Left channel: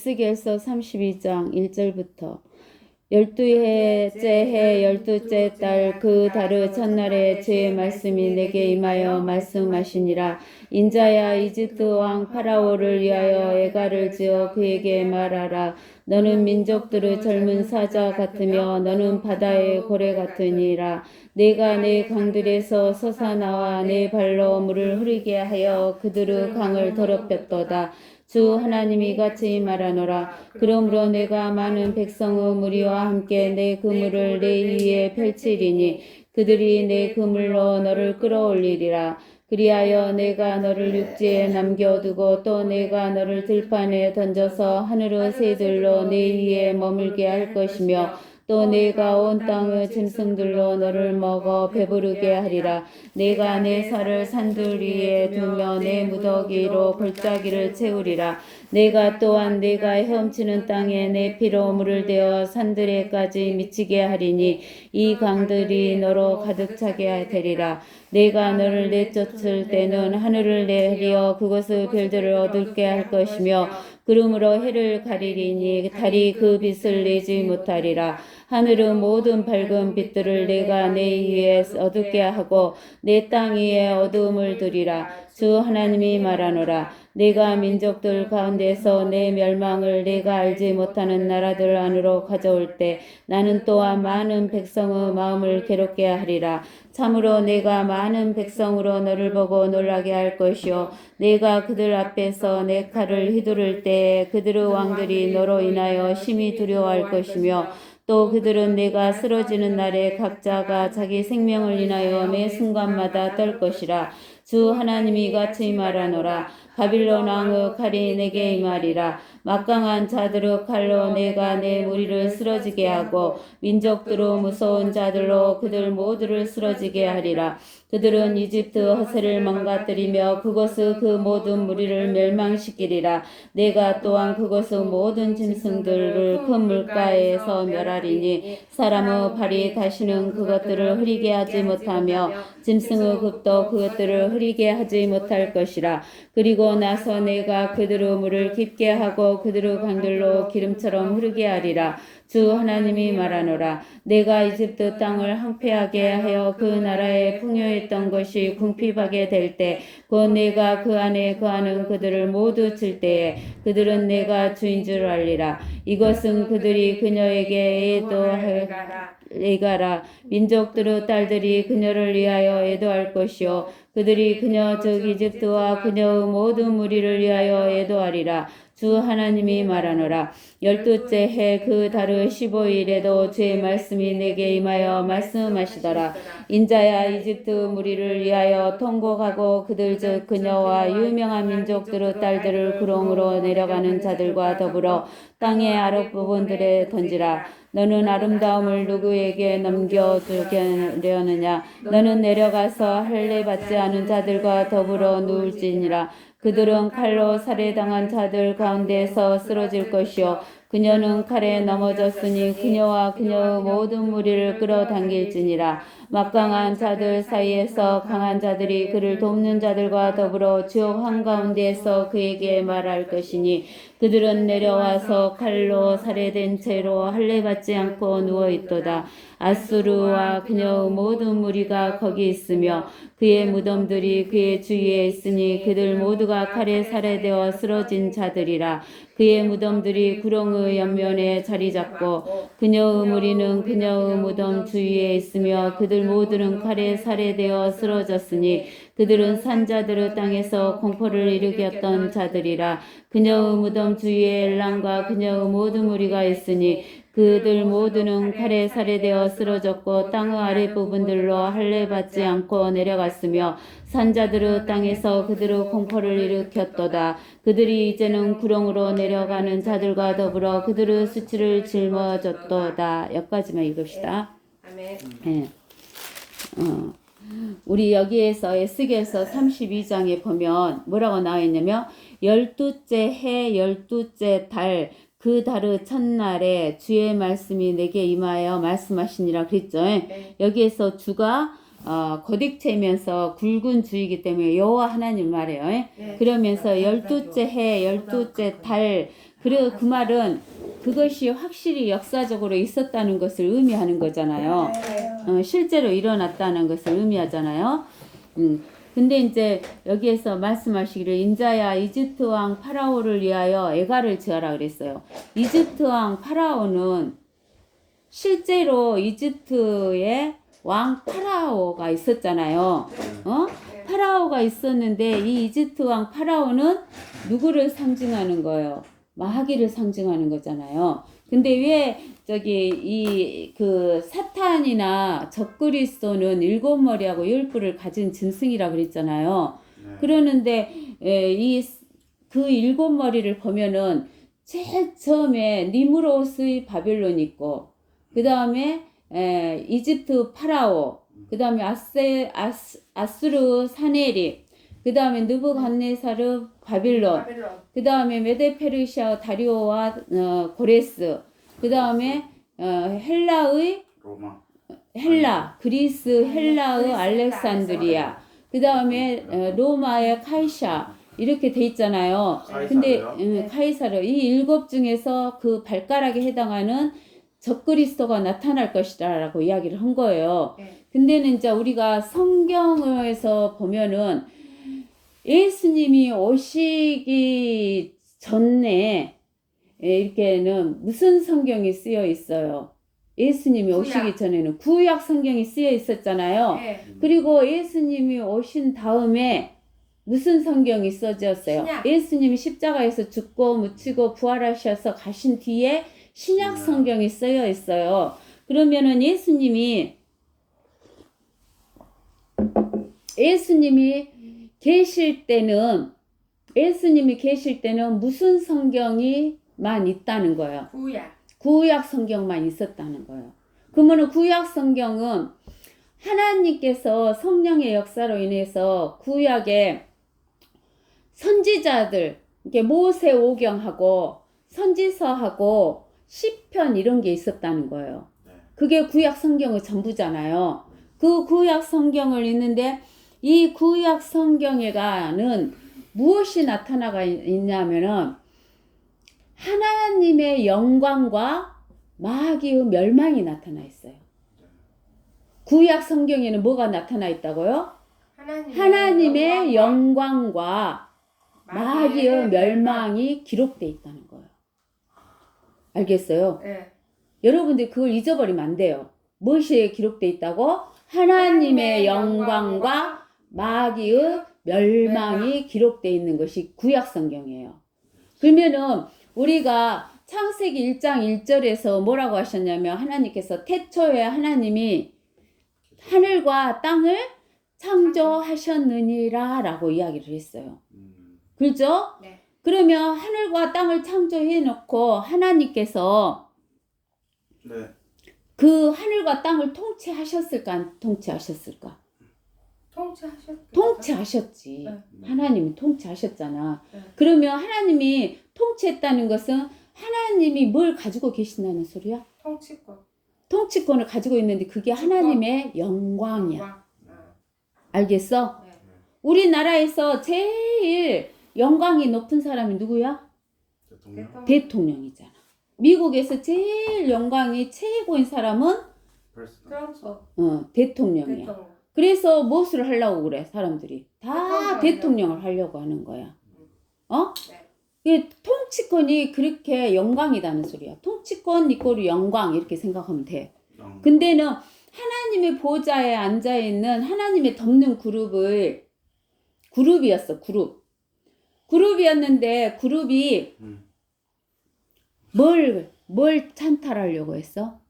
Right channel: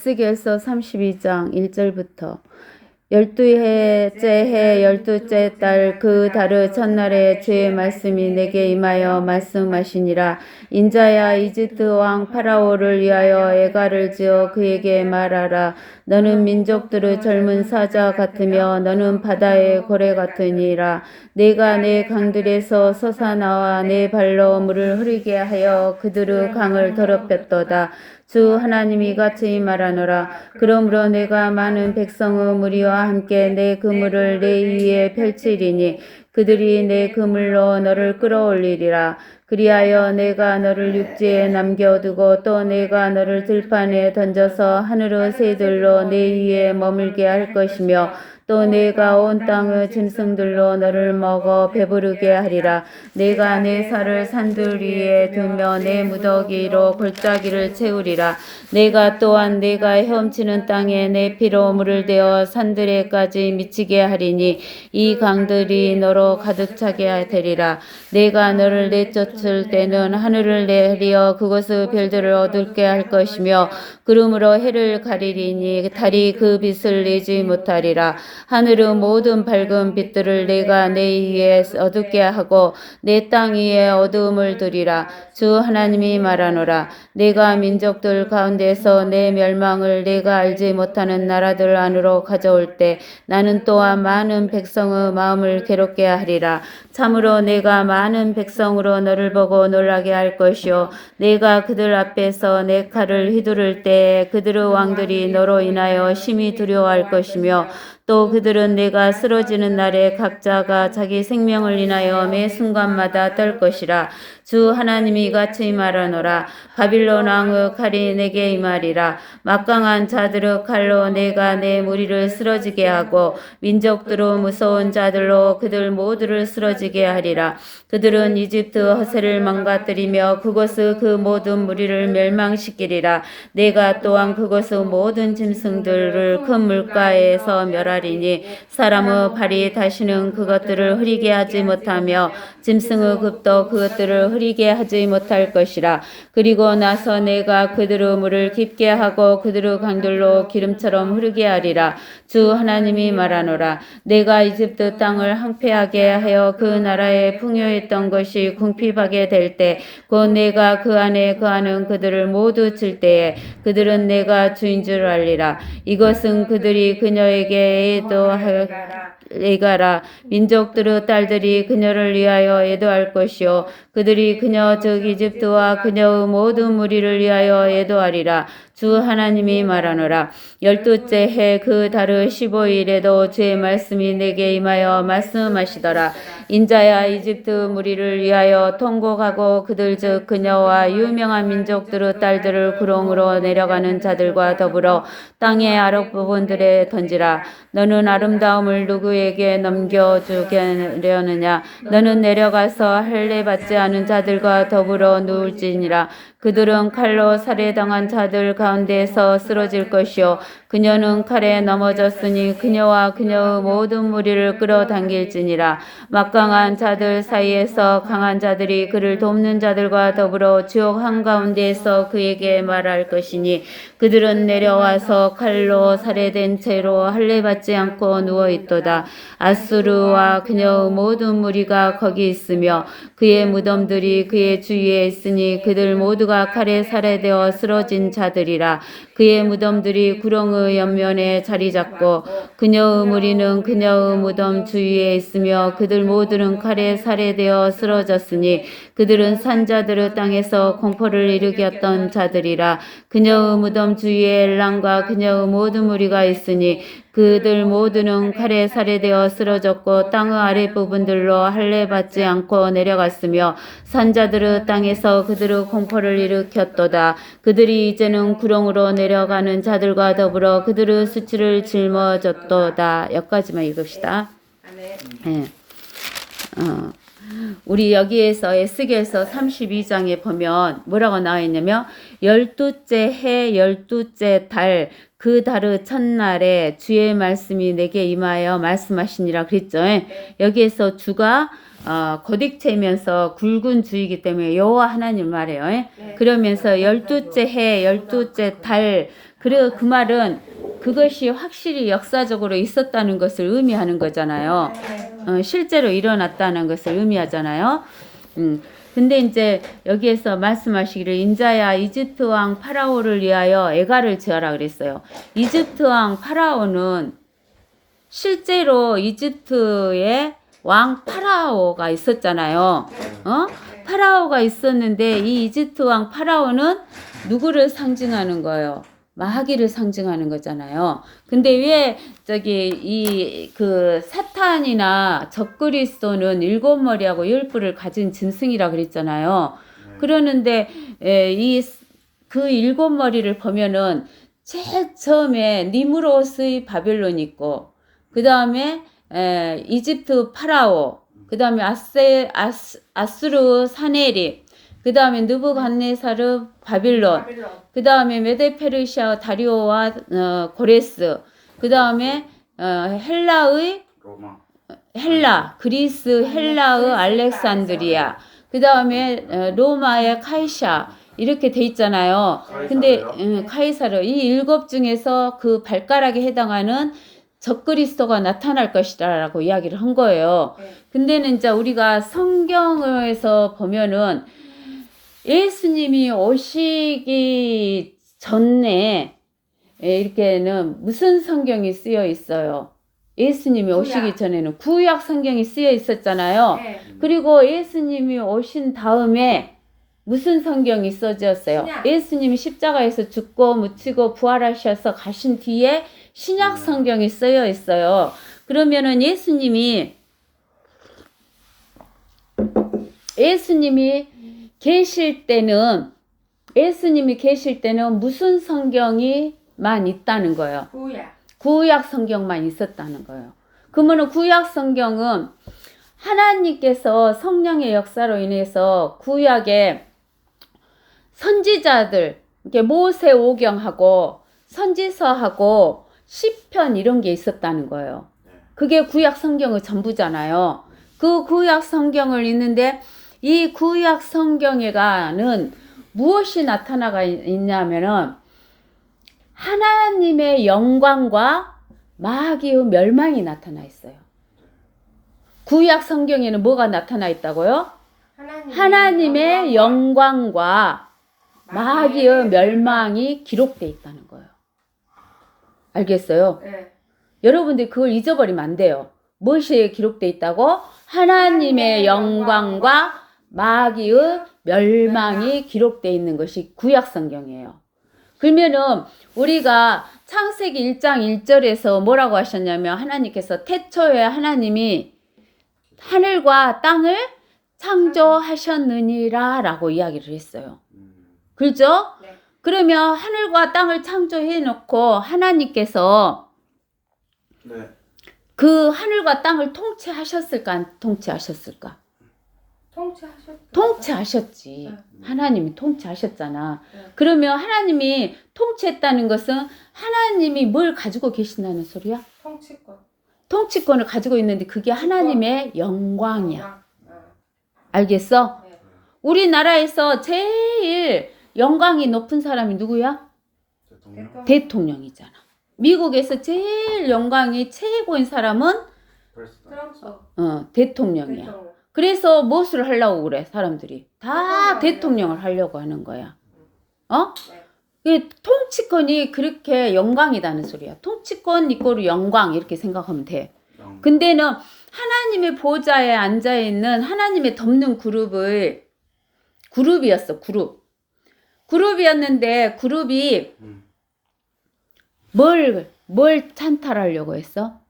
에스겔서 32장 1절부터 12해째 해 12째 달 그 달의 첫날에 주의 말씀이 내게 임하여 말씀하시니라. 인자야, 이집트 왕 파라오를 위하여 애가를 지어 그에게 말하라. 너는 민족들의 젊은 사자 같으며 너는 바다의 고래 같으니라. 내가 내 강들에서 솟아나와 내 발로 물을 흐르게 하여 그들의 강을 더럽혔도다. 주 하나님이 같이 말하노라. 그러므로 내가 많은 백성의 무리와 함께 내 그물을 내 위에 펼치리니 그들이 내 그물로 너를 끌어올리리라. 그리하여 내가 너를 육지에 남겨두고 또 내가 너를 들판에 던져서 하늘의 새들로 내 위에 머물게 할 것이며 또 내가 온 땅의 짐승들로 너를 먹어 배부르게 하리라. 내가 내 살을 산들 위에 두며 내 무더기로 골짜기를 채우리라. 내가 또한 내가 헤엄치는 땅에 내 피로 물을 대어 산들에까지 미치게 하리니 이 강들이 너로 가득 차게 되리라. 내가 너를 내쫓을 때는 하늘을 내리어 그곳의 별들을 어둡게 할 것이며 구름으로 해를 가리리니 달이 그 빛을 내지 못하리라. 하늘의 모든 밝은 빛들을 내가 내 위에 어둡게 하고 내 땅 위에 어두움을 두리라. 주 하나님이 말하노라. 내가 민족들 가운데서 내 멸망을 내가 알지 못하는 나라들 안으로 가져올 때 나는 또한 많은 백성의 마음을 괴롭게 하리라. 참으로 내가 많은 백성으로 너를 보고 놀라게 할 것이요 내가 그들 앞에서 내 칼을 휘두를 때 그들의 왕들이 너로 인하여 심히 두려워할 것이며 또 그들은 내가 쓰러지는 날에 각자가 자기 생명을 인하여 매 순간마다 떨 것이라. 주 하나님이 같이 말하노라. 바빌론 왕의 칼이 내게 임하리라. 막강한 자들의 칼로 내가 내 무리를 쓰러지게 하고 민족들의 무서운 자들로 그들 모두를 쓰러지게 하리라. 그들은 이집트 허세를 망가뜨리며 그곳의 그 모든 무리를 멸망시키리라. 내가 또한 그곳의 모든 짐승들을 큰 물가에서 멸하리니 사람의 발이 다시는 그것들을 흐리게 하지 못하며 짐승의 급도 그것들을 흐리게 하지 못할 것이라. 그리고 나서 내가 그들의 물을 깊게 하고 그들의 강들로 기름처럼 흐르게 하리라. 주 하나님이 말하노라. 내가 이집트 땅을 황폐하게 하여 그 나라에 풍요했던 것이 궁핍하게 될 때 곧 내가 그 안에 거하는 그들을 모두 칠 때에 그들은 내가 주인 줄 알리라. 이것은 그들이 그녀에게 애가라. 민족들의 딸들이 그녀를 위하여 애도할 것이요 그들이 그녀 즉 이집트와 그녀의 모든 무리를 위하여 애도하리라. 주 하나님이 말하노라. 12째 해 그 달의 15일에도 주의 말씀이 내게 임하여 말씀하시더라. 인자야, 이집트 무리를 위하여 통곡하고 그들 즉 그녀와 유명한 민족들의 딸들을 구렁으로 내려가는 자들과 더불어 땅의 아랫부분들에 던지라. 너는 아름다움을 누구에게 넘겨주려느냐? 너는 내려가서 할례 받지 않은 자들과 더불어 누울지니라. 그들은 칼로 살해당한 자들 가운데서 쓰러질 것이요 그녀는 칼에 넘어졌으니 그녀와 그녀의 모든 무리를 끌어당길지니라. 막강한 자들 사이에서 강한 자들이 그를 돕는 자들과 더불어 지옥 한가운데에서 그에게 말할 것이니 그들은 내려와서 칼로 살해된 채로 할례 받지 않고 누워있도다. 아수르와 그녀의 모든 무리가 거기 있으며 그의 무덤들이 그의 주위에 있으니 그들 모두가 칼에 살해되어 쓰러진 자들이라. 그의 무덤들이 구렁의 옆면에 자리 잡고 그녀의 무리는 그녀의 무덤 주위에 있으며 그들 모두는 칼에 살해되어 쓰러졌으니 그들은 산자들의 땅에서 공포를 일으켰던 자들이라. 그녀의 무덤 주위에 엘람과 그녀의 모든 무리가 있으니 그들 모두는 칼에 살해되어 쓰러졌고 땅의 아랫부분들로 할례 받지 않고 내려갔으며 산자들의 땅에서 그들의 공포를 일으켰도다. 그들이 이제는 구렁으로 내려가는 자들과 더불어 그들의 수치를 짊어졌도다. 여기까지만 읽읍시다. 네. 우리 여기에서 에스겔서 32장에 보면 뭐라고 나와 있냐면 12째 해 12째 달 그 달의 첫날에 주의 말씀이 내게 임하여 말씀하시니라 그랬죠. 네. 여기에서 주가 거듭체면서 굵은 주이기 때문에 여호와 하나님 말해요. 네. 그러면서 12째 해 12째 달 그리고 그 말은 그것이 확실히 역사적으로 있었다는 것을 의미하는 거잖아요. 실제로 일어났다는 것을 의미하잖아요. 근데 이제 여기에서 말씀하시기를 인자야 이집트 왕 파라오를 위하여 애가를 지어라 그랬어요. 이집트 왕 파라오는 실제로 이집트에 왕 파라오가 있었잖아요. 파라오가 있었는데 이 이집트 왕 파라오는 누구를 상징하는 거예요? 마귀를 상징하는 거잖아요. 근데 왜 저기 그 사탄이나 적그리스도는 7머리하고 10뿔을 가진 짐승이라 그랬잖아요. 그러는데 이 그 7머리를 보면은 제일 처음에 니무롯의 바벨론 있고 그 다음에 이집트 파라오, 그 다음에 아수르 사네립, 그 다음에 느부갓네사르 바빌론, 그 다음에 메데페르시아 다리오와 고레스, 그 다음에 헬라의 그리스 헬라의 알렉산드리아, 그 다음에 로마의 카이사 이렇게 돼 있잖아요. 근데 카이사르 이 7 중에서 그 발가락에 해당하는 적그리스도가 나타날 것이다라고 이야기를 한 거예요. 근데는 이제 우리가 성경에서 보면은 예수님이 오시기 전에 이렇게는 무슨 성경이 쓰여 있어요? 예수님이 오시기 전에는 구약 성경이 쓰여 있었잖아요. 그리고 예수님이 오신 다음에 무슨 성경이 써졌어요? 예수님이 십자가에서 죽고 묻히고 부활하셔서 가신 뒤에 신약 성경이 쓰여 있어요. 그러면은 예수님이 계실 때는 무슨 성경이만 있다는 거예요? 구약 성경만 있었다는 거예요. 그러면 구약 성경은 하나님께서 성령의 역사로 인해서 구약에 선지자들, 이렇게 모세 오경하고 선지서하고 시편 이런 게 있었다는 거예요. 그게 구약 성경의 전부잖아요. 그 구약 성경을 읽는데 이 구약 성경에는 무엇이 나타나가 있냐면은 하나님의 영광과 마귀의 멸망이 나타나 있어요. 구약 성경에는 뭐가 나타나 있다고요? 하나님의 영광과 마귀의 멸망이 기록되어 있다는 거예요. 알겠어요? 여러분들이 그걸 잊어버리면 안 돼요. 무엇이 기록되어 있다고? 하나님의 영광과 마귀의 멸망이 기록되어 있는 것이 구약 성경이에요. 그러면은 우리가 창세기 1장 1절에서 뭐라고 하셨냐면 하나님께서 태초에 하나님이 하늘과 땅을 창조하셨느니라 라고 이야기를 했어요. 그렇죠? 그러면 하늘과 땅을 창조해 놓고 하나님께서 그 하늘과 땅을 통치하셨을까 안 통치하셨을까? 통치하셨지. 하나님이 통치하셨잖아. 그러면 하나님이 통치했다는 것은 하나님이 뭘 가지고 계신다는 소리야? 통치권을 가지고 있는데 그게 하나님의 영광이야. 알겠어? 우리나라에서 제일 영광이 높은 사람이 누구야? 대통령이잖아. 미국에서 제일 영광이 최고인 사람은 대통령이야. 그래서 무엇을 하려고 그래? 사람들이 다 대통령을 하려고 하는 거야. 통치권이 그렇게 영광이라는 소리야. 통치권 이꼬르 영광 이렇게 생각하면 돼. 근데는 하나님의 보좌에 앉아있는 하나님의 덮는 그룹이었어. 그룹이었는데 그룹이 뭘 찬탈하려고 했어?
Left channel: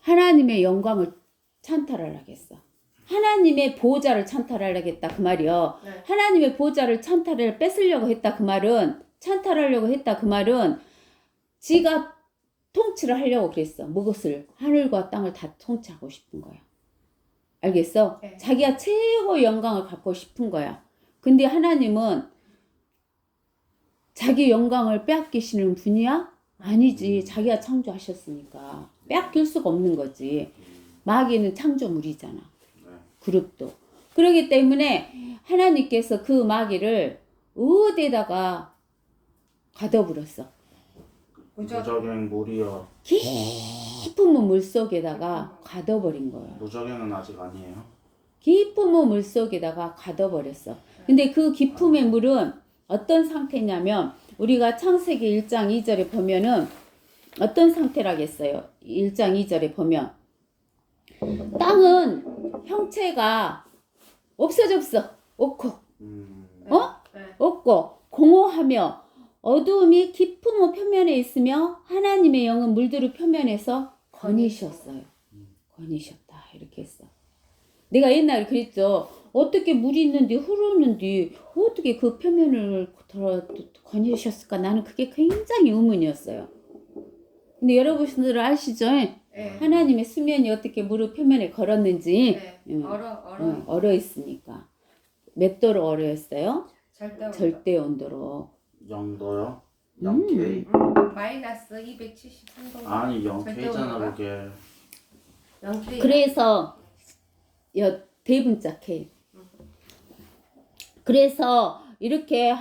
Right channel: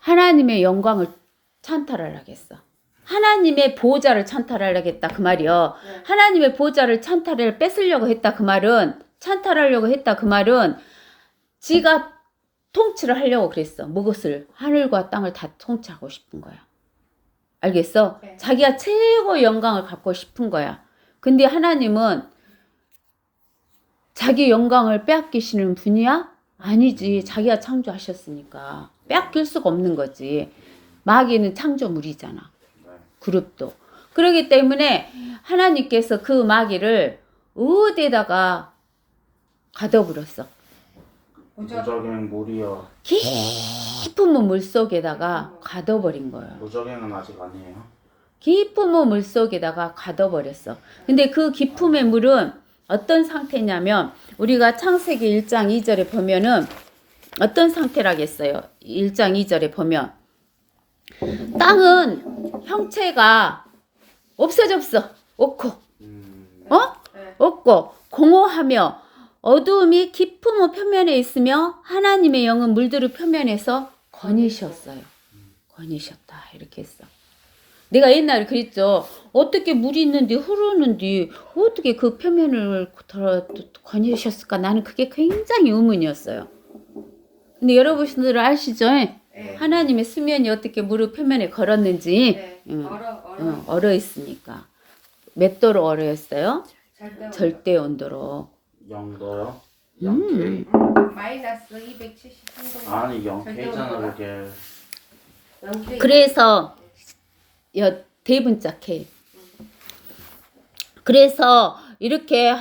하나님의 영광을 찬탈하려고 했어. 하나님의 보좌를 찬탈하려고 했다 그 말이요. 하나님의 보좌를 뺏으려고 했다 그 말은 찬탈하려고 했다 그 말은 지가 통치를 하려고 그랬어. 무엇을? 하늘과 땅을 다 통치하고 싶은 거야. 알겠어? 자기가 최고 영광을 갖고 싶은 거야. 근데 하나님은 자기 영광을 빼앗기시는 분이야? 아니지. 자기가 창조하셨으니까 빼앗길 수가 없는 거지. 마귀는 창조물이잖아. 그룹도. 그렇기 때문에 하나님께서 그 마귀를 어디에다가 가둬버렸어. 무적행 물이요. 깊은 물 속에다가 가둬버린 거예요. 무적행은 아직 아니에요. 깊은 물 속에다가 가둬버렸어. 근데 그 깊음의 물은 어떤 상태냐면 우리가 창세기 1장 2절에 보면은 어떤 상태라겠어요. 1장 2절에 보면 땅은 형체가 없어졌어. 없고 없고 공허하며 어두움이 깊은 표면에 있으며 하나님의 영은 물들의 표면에서 거니셨어요. 거니셨다 이렇게 했어. 내가 옛날에 그랬죠. 어떻게 물이 있는데 흐르는데 어떻게 그 표면을 거니셨을까? 나는 그게 굉장히 의문이었어요. 근데 여러분들 아시죠? 네. 하나님의 수면이 어떻게 물의 표면에 걸었는지 네. 응, 얼어 있으니까. 몇 도로 얼어 있어요? 절대 온도로. 0도요? 0K? 마이너스 273도. 아니 0K잖아 그게. 그래서 대분자 K. 그래서 이렇게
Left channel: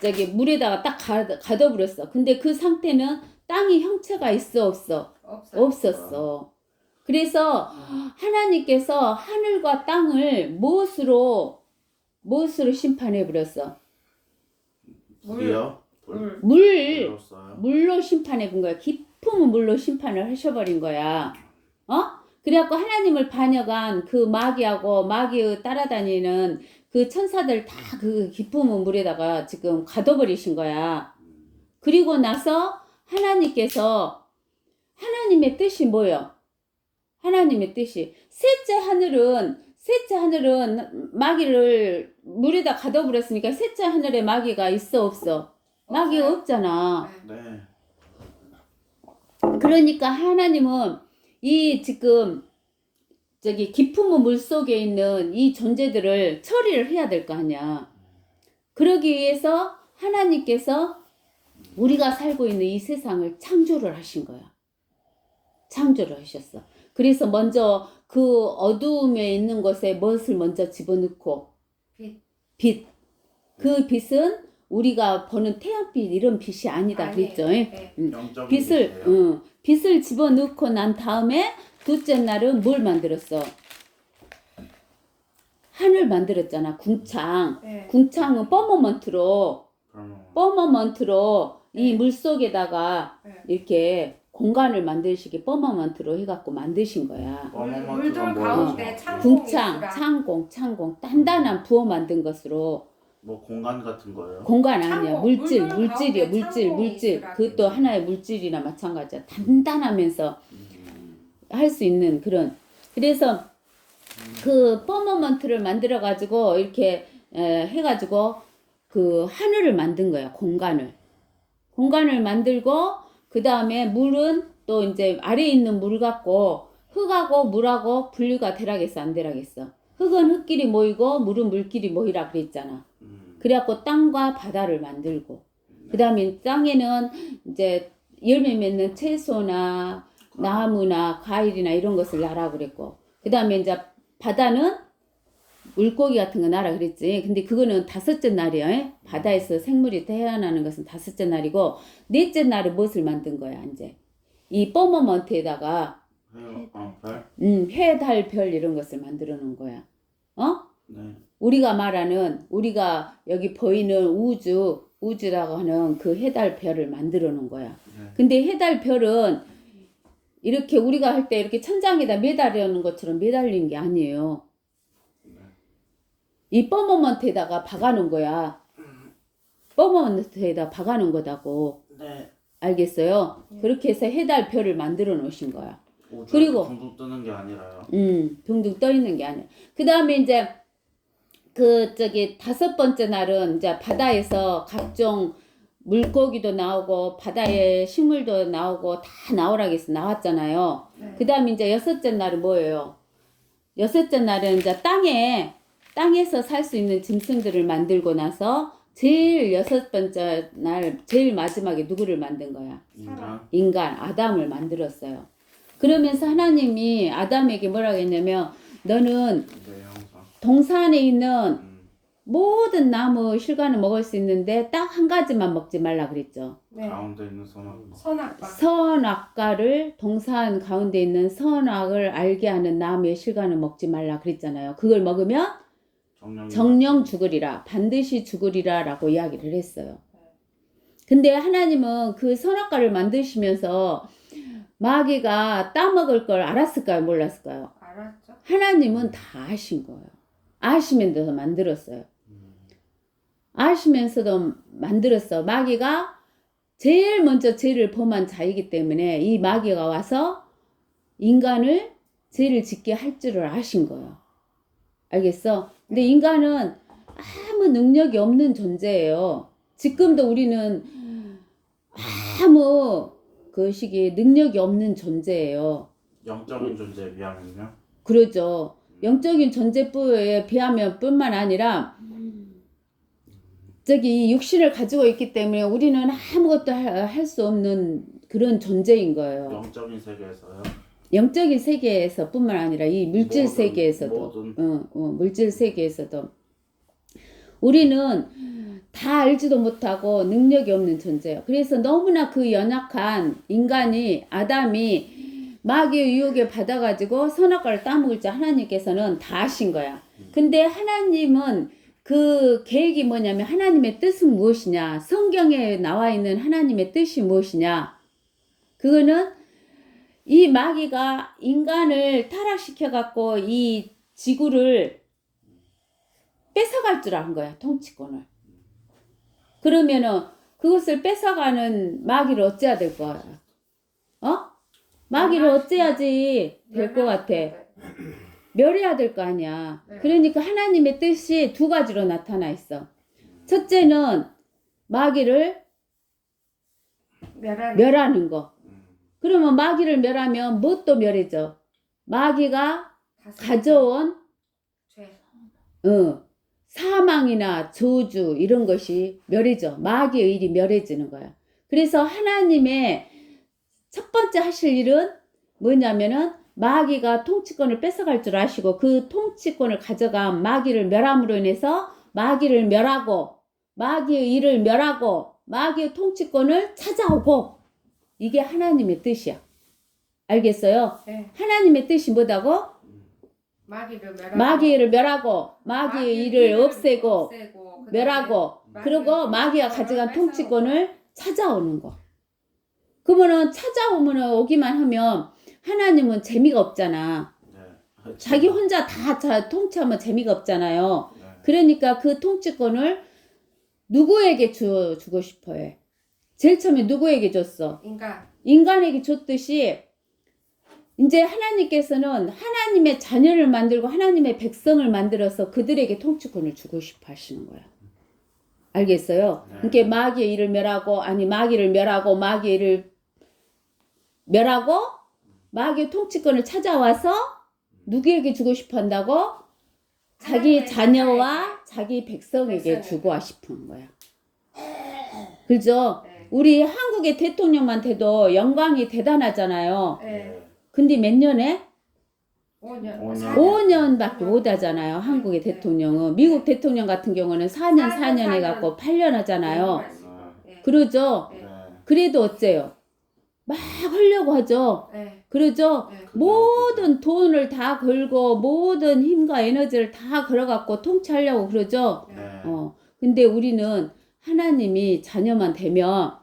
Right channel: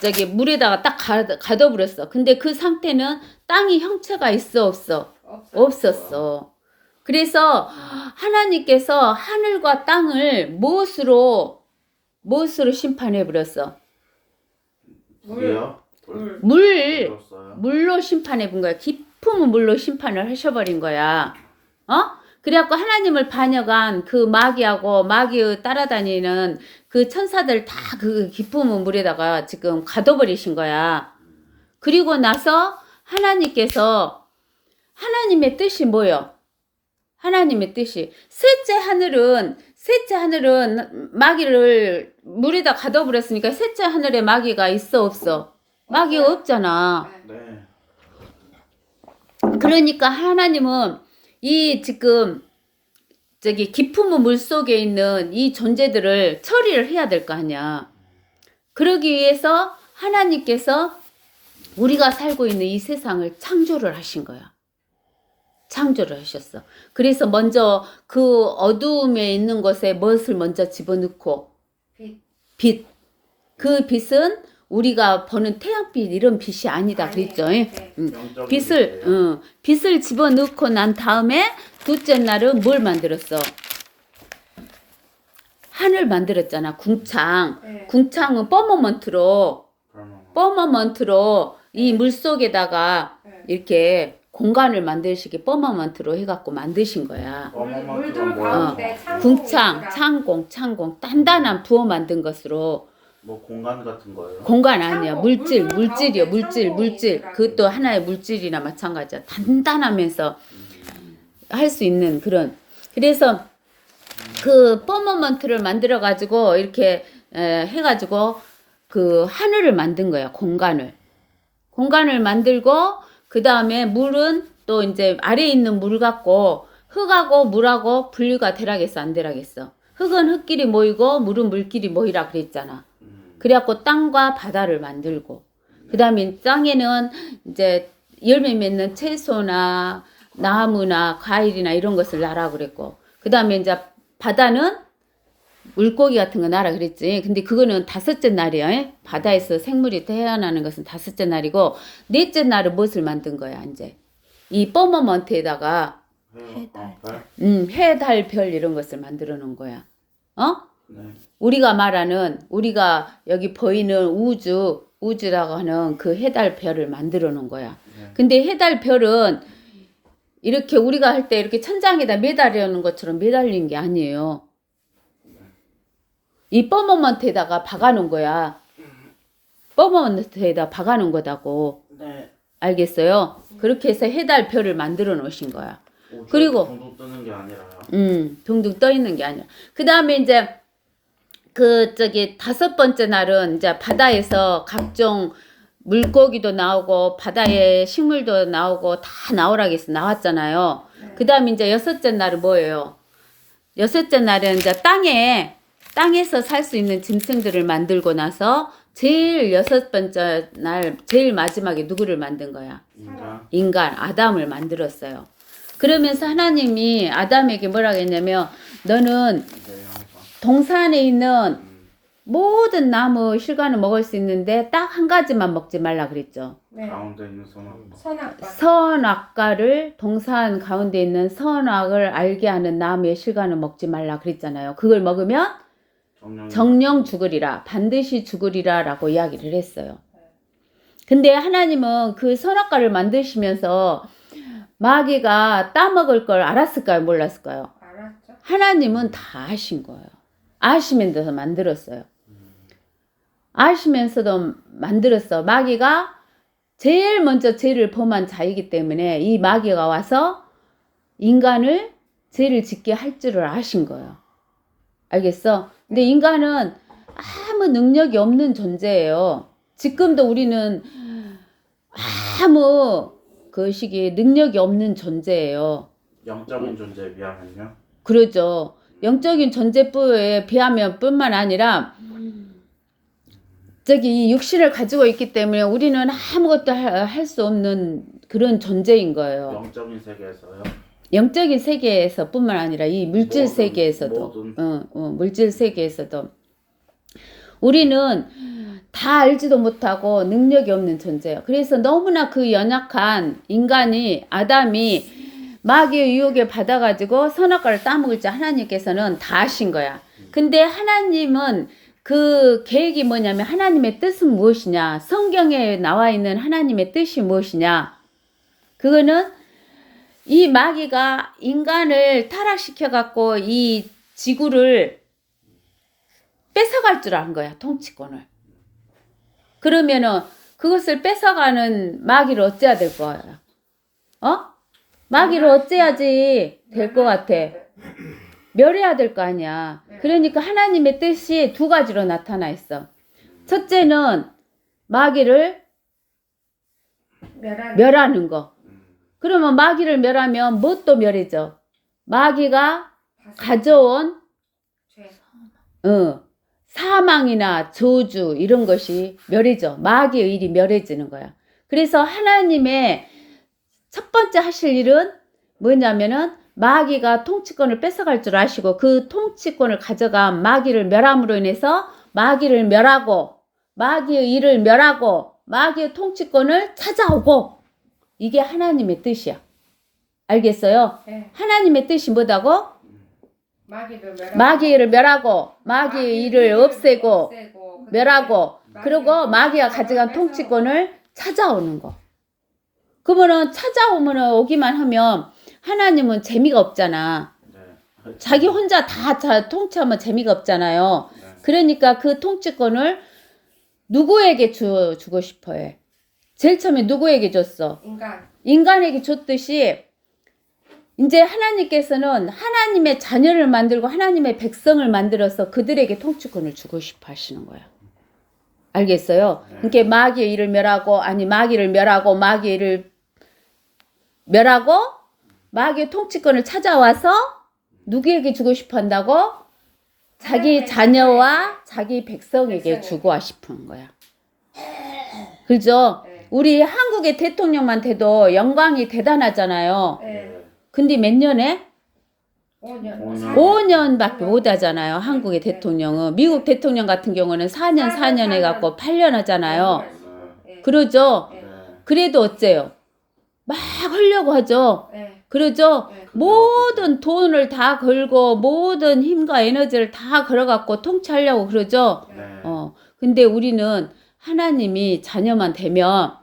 저기 물에다가 딱 가둬버렸어. 근데 그 상태는 땅이 형체가 있어 없어? 없었어. 그래서 하나님께서 하늘과 땅을 무엇으로 심판해 버렸어? 물이요? 물로 심판해 본 거야. 깊은 물로 심판을 하셔버린 거야. 그래갖고 하나님을 반역한 그 마귀하고 마귀의 따라다니는 그 천사들 다 그 깊은 물에다가 지금 가둬버리신 거야. 그리고 나서 하나님께서 하나님의 뜻이 뭐요? 하나님의 뜻이 셋째 하늘은 마귀를 물에다 가둬버렸으니까 셋째 하늘에 마귀가 있어 없어? 마귀가 없잖아. 네. 그러니까 하나님은 이 지금 저기 깊은 물 속에 있는 이 존재들을 처리를 해야 될 거 아니야. 그러기 위해서 하나님께서 우리가 살고 있는 이 세상을 창조를 하신 거야. 창조를 하셨어. 그래서 먼저 그 어두움에 있는 것에 무엇을 먼저 집어넣고 빛. 그 빛은 우리가 보는 태양빛 이런 빛이 아니다 그랬죠. 빛을 집어넣고 난 다음에 둘째 날은 뭘 만들었어? 하늘 만들었잖아. 궁창. 궁창은 퍼머먼트로 이 물 속에다가 이렇게 공간을 만드시기 퍼머먼트로 해갖고 만드신 거야. 물들 가운데 궁창, 창공 단단한 부어 만든 것으로. 뭐 공간 같은 거예요? 공간 아니야. 물질이요. 물질. 그것도 하나의 물질이나 마찬가지야. 단단하면서 할 수 있는 그런. 그래서 그 퍼머먼트를 만들어 가지고 이렇게 해가지고 그 하늘을 만든 거야. 공간을 만들고 그 다음에 물은 또 이제 아래에 있는 물 갖고 흙하고 물하고 분류가 되라겠어 안 되라겠어? 흙은 흙끼리 모이고 물은 물끼리 모이라 그랬잖아. 그래갖고 땅과 바다를 만들고 그 다음에 땅에는 이제 열매 맺는 채소나 나무나 과일이나 이런 것을 놔라 그랬고 그 다음에 이제 바다는 물고기 같은 거 놔라 그랬지. 근데 그거는 다섯째 날이야. 바다에서 생물이 태어나는 것은 다섯째 날이고 넷째 날은 무엇을 만든 거야 이제 이 퍼머먼트에다가 해, 달, 별 이런 것을 만들어 놓은 거야. 네. 우리가 말하는 우리가 여기 보이는 우주라고 하는 그 해, 달, 별을 만들어 놓은 거야. 근데 해, 달, 별은 이렇게 우리가 할 때 이렇게 천장에다 매달리는 것처럼 매달린 게 아니에요. 이 퍼머먼트에다가 박아놓은 거야. 퍼머먼트에다 박아놓은 거다고. 네. 알겠어요? 그렇게 해서 해, 달, 별을 만들어 놓으신 거야. 우주 그리고 둥둥 뜨는 게 아니라요. 둥둥 떠 있는 게 아니야. 그 다음에 이제 그 저기 다섯 번째 날은 이제 바다에서 각종 물고기도 나오고 바다에 식물도 나오고 다 나오라겠어 나왔잖아요. 그 다음에 이제 여섯째 날은 뭐예요? 여섯째 날은 이제 땅에서 살 수 있는 짐승들을 만들고 나서 제일 여섯 번째 날 제일 마지막에 누구를 만든 거야? 인간 아담을 만들었어요. 그러면서 하나님이 아담에게 뭐라고 했냐면 너는 동산에 있는 모든 나무 실과는 먹을 수 있는데 딱 한 가지만 먹지 말라 그랬죠. 네. 가운데 있는 선악. 선악과. 선악과를 동산 가운데 있는 선악을 알게 하는 나무의 실과는 먹지 말라 그랬잖아요. 그걸 먹으면 정령 죽으리라, 반드시 죽으리라 라고 이야기를 했어요. 근데 하나님은 그 선악과를 만드시면서 마귀가 따먹을 걸 알았을까요? 몰랐을까요? 알았죠? 하나님은 다 아신 거예요. 아시면서 만들었어요. 아시면서도 만들었어. 마귀가 제일 먼저 죄를 범한 자이기 때문에 이 마귀가 와서 인간을 죄를 짓게 할 줄을 아신 거예요. 알겠어? 근데 인간은 아무 능력이 없는 존재예요. 지금도 우리는 아무 그 시기에 능력이 없는 존재예요. 영적인 존재에 비하면요. 그러죠. 영적인 존재에 비하면 뿐만 아니라 저기 이 육신을 가지고 있기 때문에 우리는 아무것도 할 수 없는 그런 존재인 거예요. 영적인 세계에서요. 영적인 세계에서 뿐만 아니라 이 물질 세계에서도 모든. 물질 세계에서도 우리는 다 알지도 못하고 능력이 없는 존재예요. 그래서 너무나 그 연약한 인간이 아담이 마귀의 유혹에 받아가지고 선악과를 따먹을 줄 하나님께서는 다 아신 거야. 근데 하나님은 그 계획이 뭐냐면 하나님의 뜻은 무엇이냐? 성경에 나와 있는 하나님의 뜻이 무엇이냐? 그거는 이 마귀가 인간을 타락시켜갖고 이 지구를 뺏어갈 줄 아는 거야, 통치권을. 그러면은 그것을 뺏어가는 마귀를 어째야 될 거야? 마귀를 어째야지 될 것 같아. 멸해야 될 거 아니야. 그러니까 하나님의 뜻이 두 가지로 나타나 있어. 첫째는 마귀를 멸하는 거. 그러면 마귀를 멸하면 무엇도 멸해져? 마귀가 가져온 사망이나 저주 이런 것이 멸해져. 마귀의 일이 멸해지는 거야. 그래서 하나님의 첫 번째 하실 일은 뭐냐면은 마귀가 통치권을 뺏어갈 줄 아시고 그 통치권을 가져간 마귀를 멸함으로 인해서 마귀를 멸하고 마귀의 일을 멸하고 마귀의 통치권을 찾아오고 이게 하나님의 뜻이야. 알겠어요? 네. 하나님의 뜻이 뭐다고? 마귀를 멸하고 마귀의 일을 없애고 멸하고 그리고 마귀가 가져간 통치권을 찾아오는 거. 그러면은 찾아오면은 오기만 하면 하나님은 재미가 없잖아. 네. 자기 혼자 다 통치하면 재미가 없잖아요. 네. 그러니까 그 통치권을 누구에게 주고 싶어 해? 제일 처음에 누구에게 줬어? 인간에게 줬듯이 이제 하나님께서는 하나님의 자녀를 만들고 하나님의 백성을 만들어서 그들에게 통치권을 주고 싶어 하시는 거야. 알겠어요? 그러니까 마귀의 일을 멸하고 마귀를 멸하고 마귀의 일을 멸하고 마귀의 통치권을 찾아와서 누구에게 주고 싶어 한다고? 자기 자녀와 자기 백성에게 주고 싶은 거야. 그죠? 우리 한국의 대통령만 돼도 영광이 대단하잖아요. 근데 몇 년에? 5년밖에 못 하잖아요. 한국의 대통령은. 미국 대통령 같은 경우는 4년 해갖고 8년 하잖아요. 그러죠? 그래도 어째요? 막 하려고 하죠. 그러죠? 모든 돈을 다 걸고 모든 힘과 에너지를 다 걸어갖고 통치하려고 그러죠. 근데 우리는 하나님이 자녀만 되면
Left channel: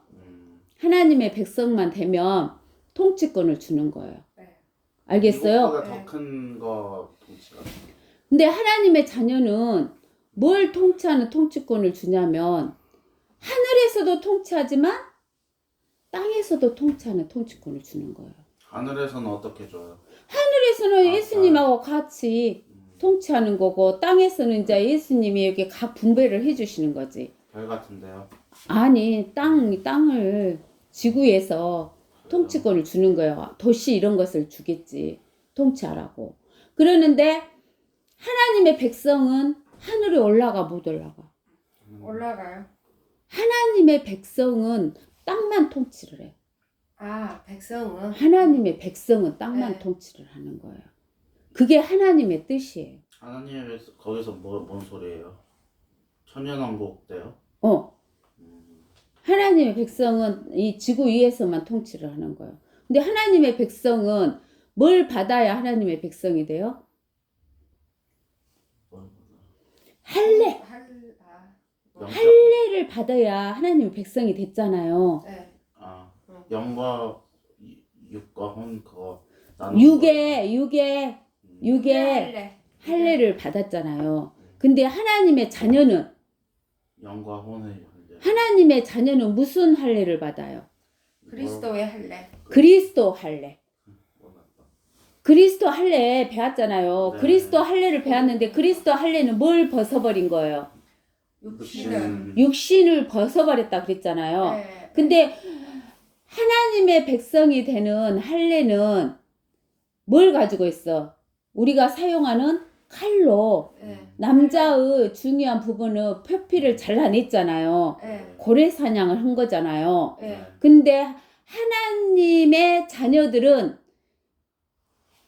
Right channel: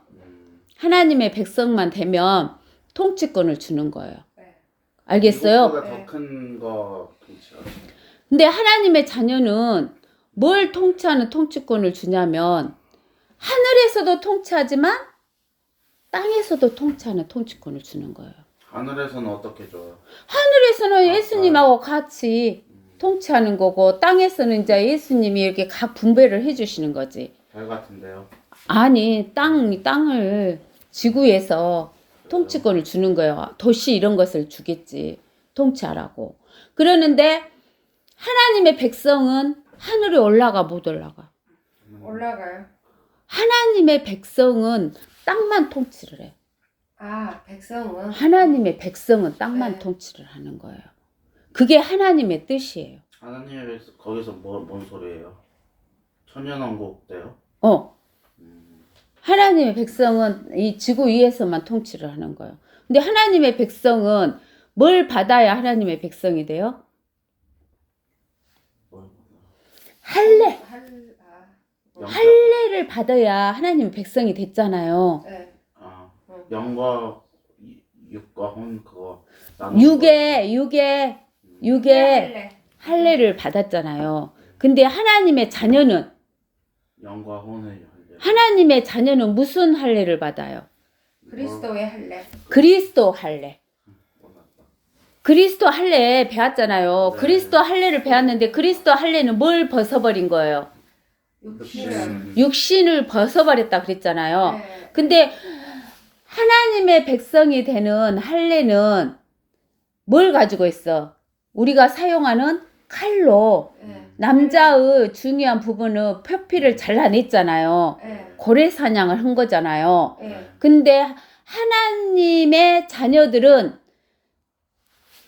하나님의 백성만 되면 통치권을 주는 거예요. 알겠어요? 더 큰 거 통치가. 근데 하나님의 자녀는 뭘 통치하는 통치권을 주냐면 하늘에서도 통치하지만 땅에서도 통치하는 통치권을 주는 거예요. 하늘에서는 어떻게 줘요? 하늘에서는 예수님하고 같이 통치하는 거고 땅에서는 이제 예수님이 이렇게 각 분배를 해주시는 거지. 별 같은데요? 아니 땅을 지구에서 통치권을 주는 거예요. 도시 이런 것을 주겠지. 통치하라고. 그러는데 하나님의 백성은 하늘에 올라가 못 올라가. 올라가요. 하나님의 백성은 땅만 통치를 해. 백성은? 하나님의 백성은 땅만 네. 통치를 하는 거예요. 그게 하나님의 뜻이에요. 하나님의 거기서 뭔 소리예요? 천년왕국 때요? 하나님의 백성은 이 지구 위에서만 통치를 하는 거예요. 근데 하나님의 백성은 뭘 받아야 하나님의 백성이 돼요? 할례. 할례를 받아야 하나님의 백성이 됐잖아요. 네. 아, 영과 육과 혼 그거 육의 할래. 할례를 받았잖아요. 근데 하나님의 자녀는 영과 혼의 할례. 하나님의 자녀는 무슨 할례를 받아요? 그리스도의 할래. 그리스도 할례. 그리스도 할례 배웠잖아요. 네. 그리스도 할례를 배웠는데 그리스도 할례는 뭘 벗어버린 거예요? 육신은. 육신을 벗어버렸다 그랬잖아요. 네. 근데 하나님의 백성이 되는 할례는 뭘 가지고 있어? 우리가 사용하는 칼로 네. 남자의 중요한 부분은 표피를 잘라냈잖아요. 네. 고래 사냥을 한 거잖아요. 네. 근데 하나님의 자녀들은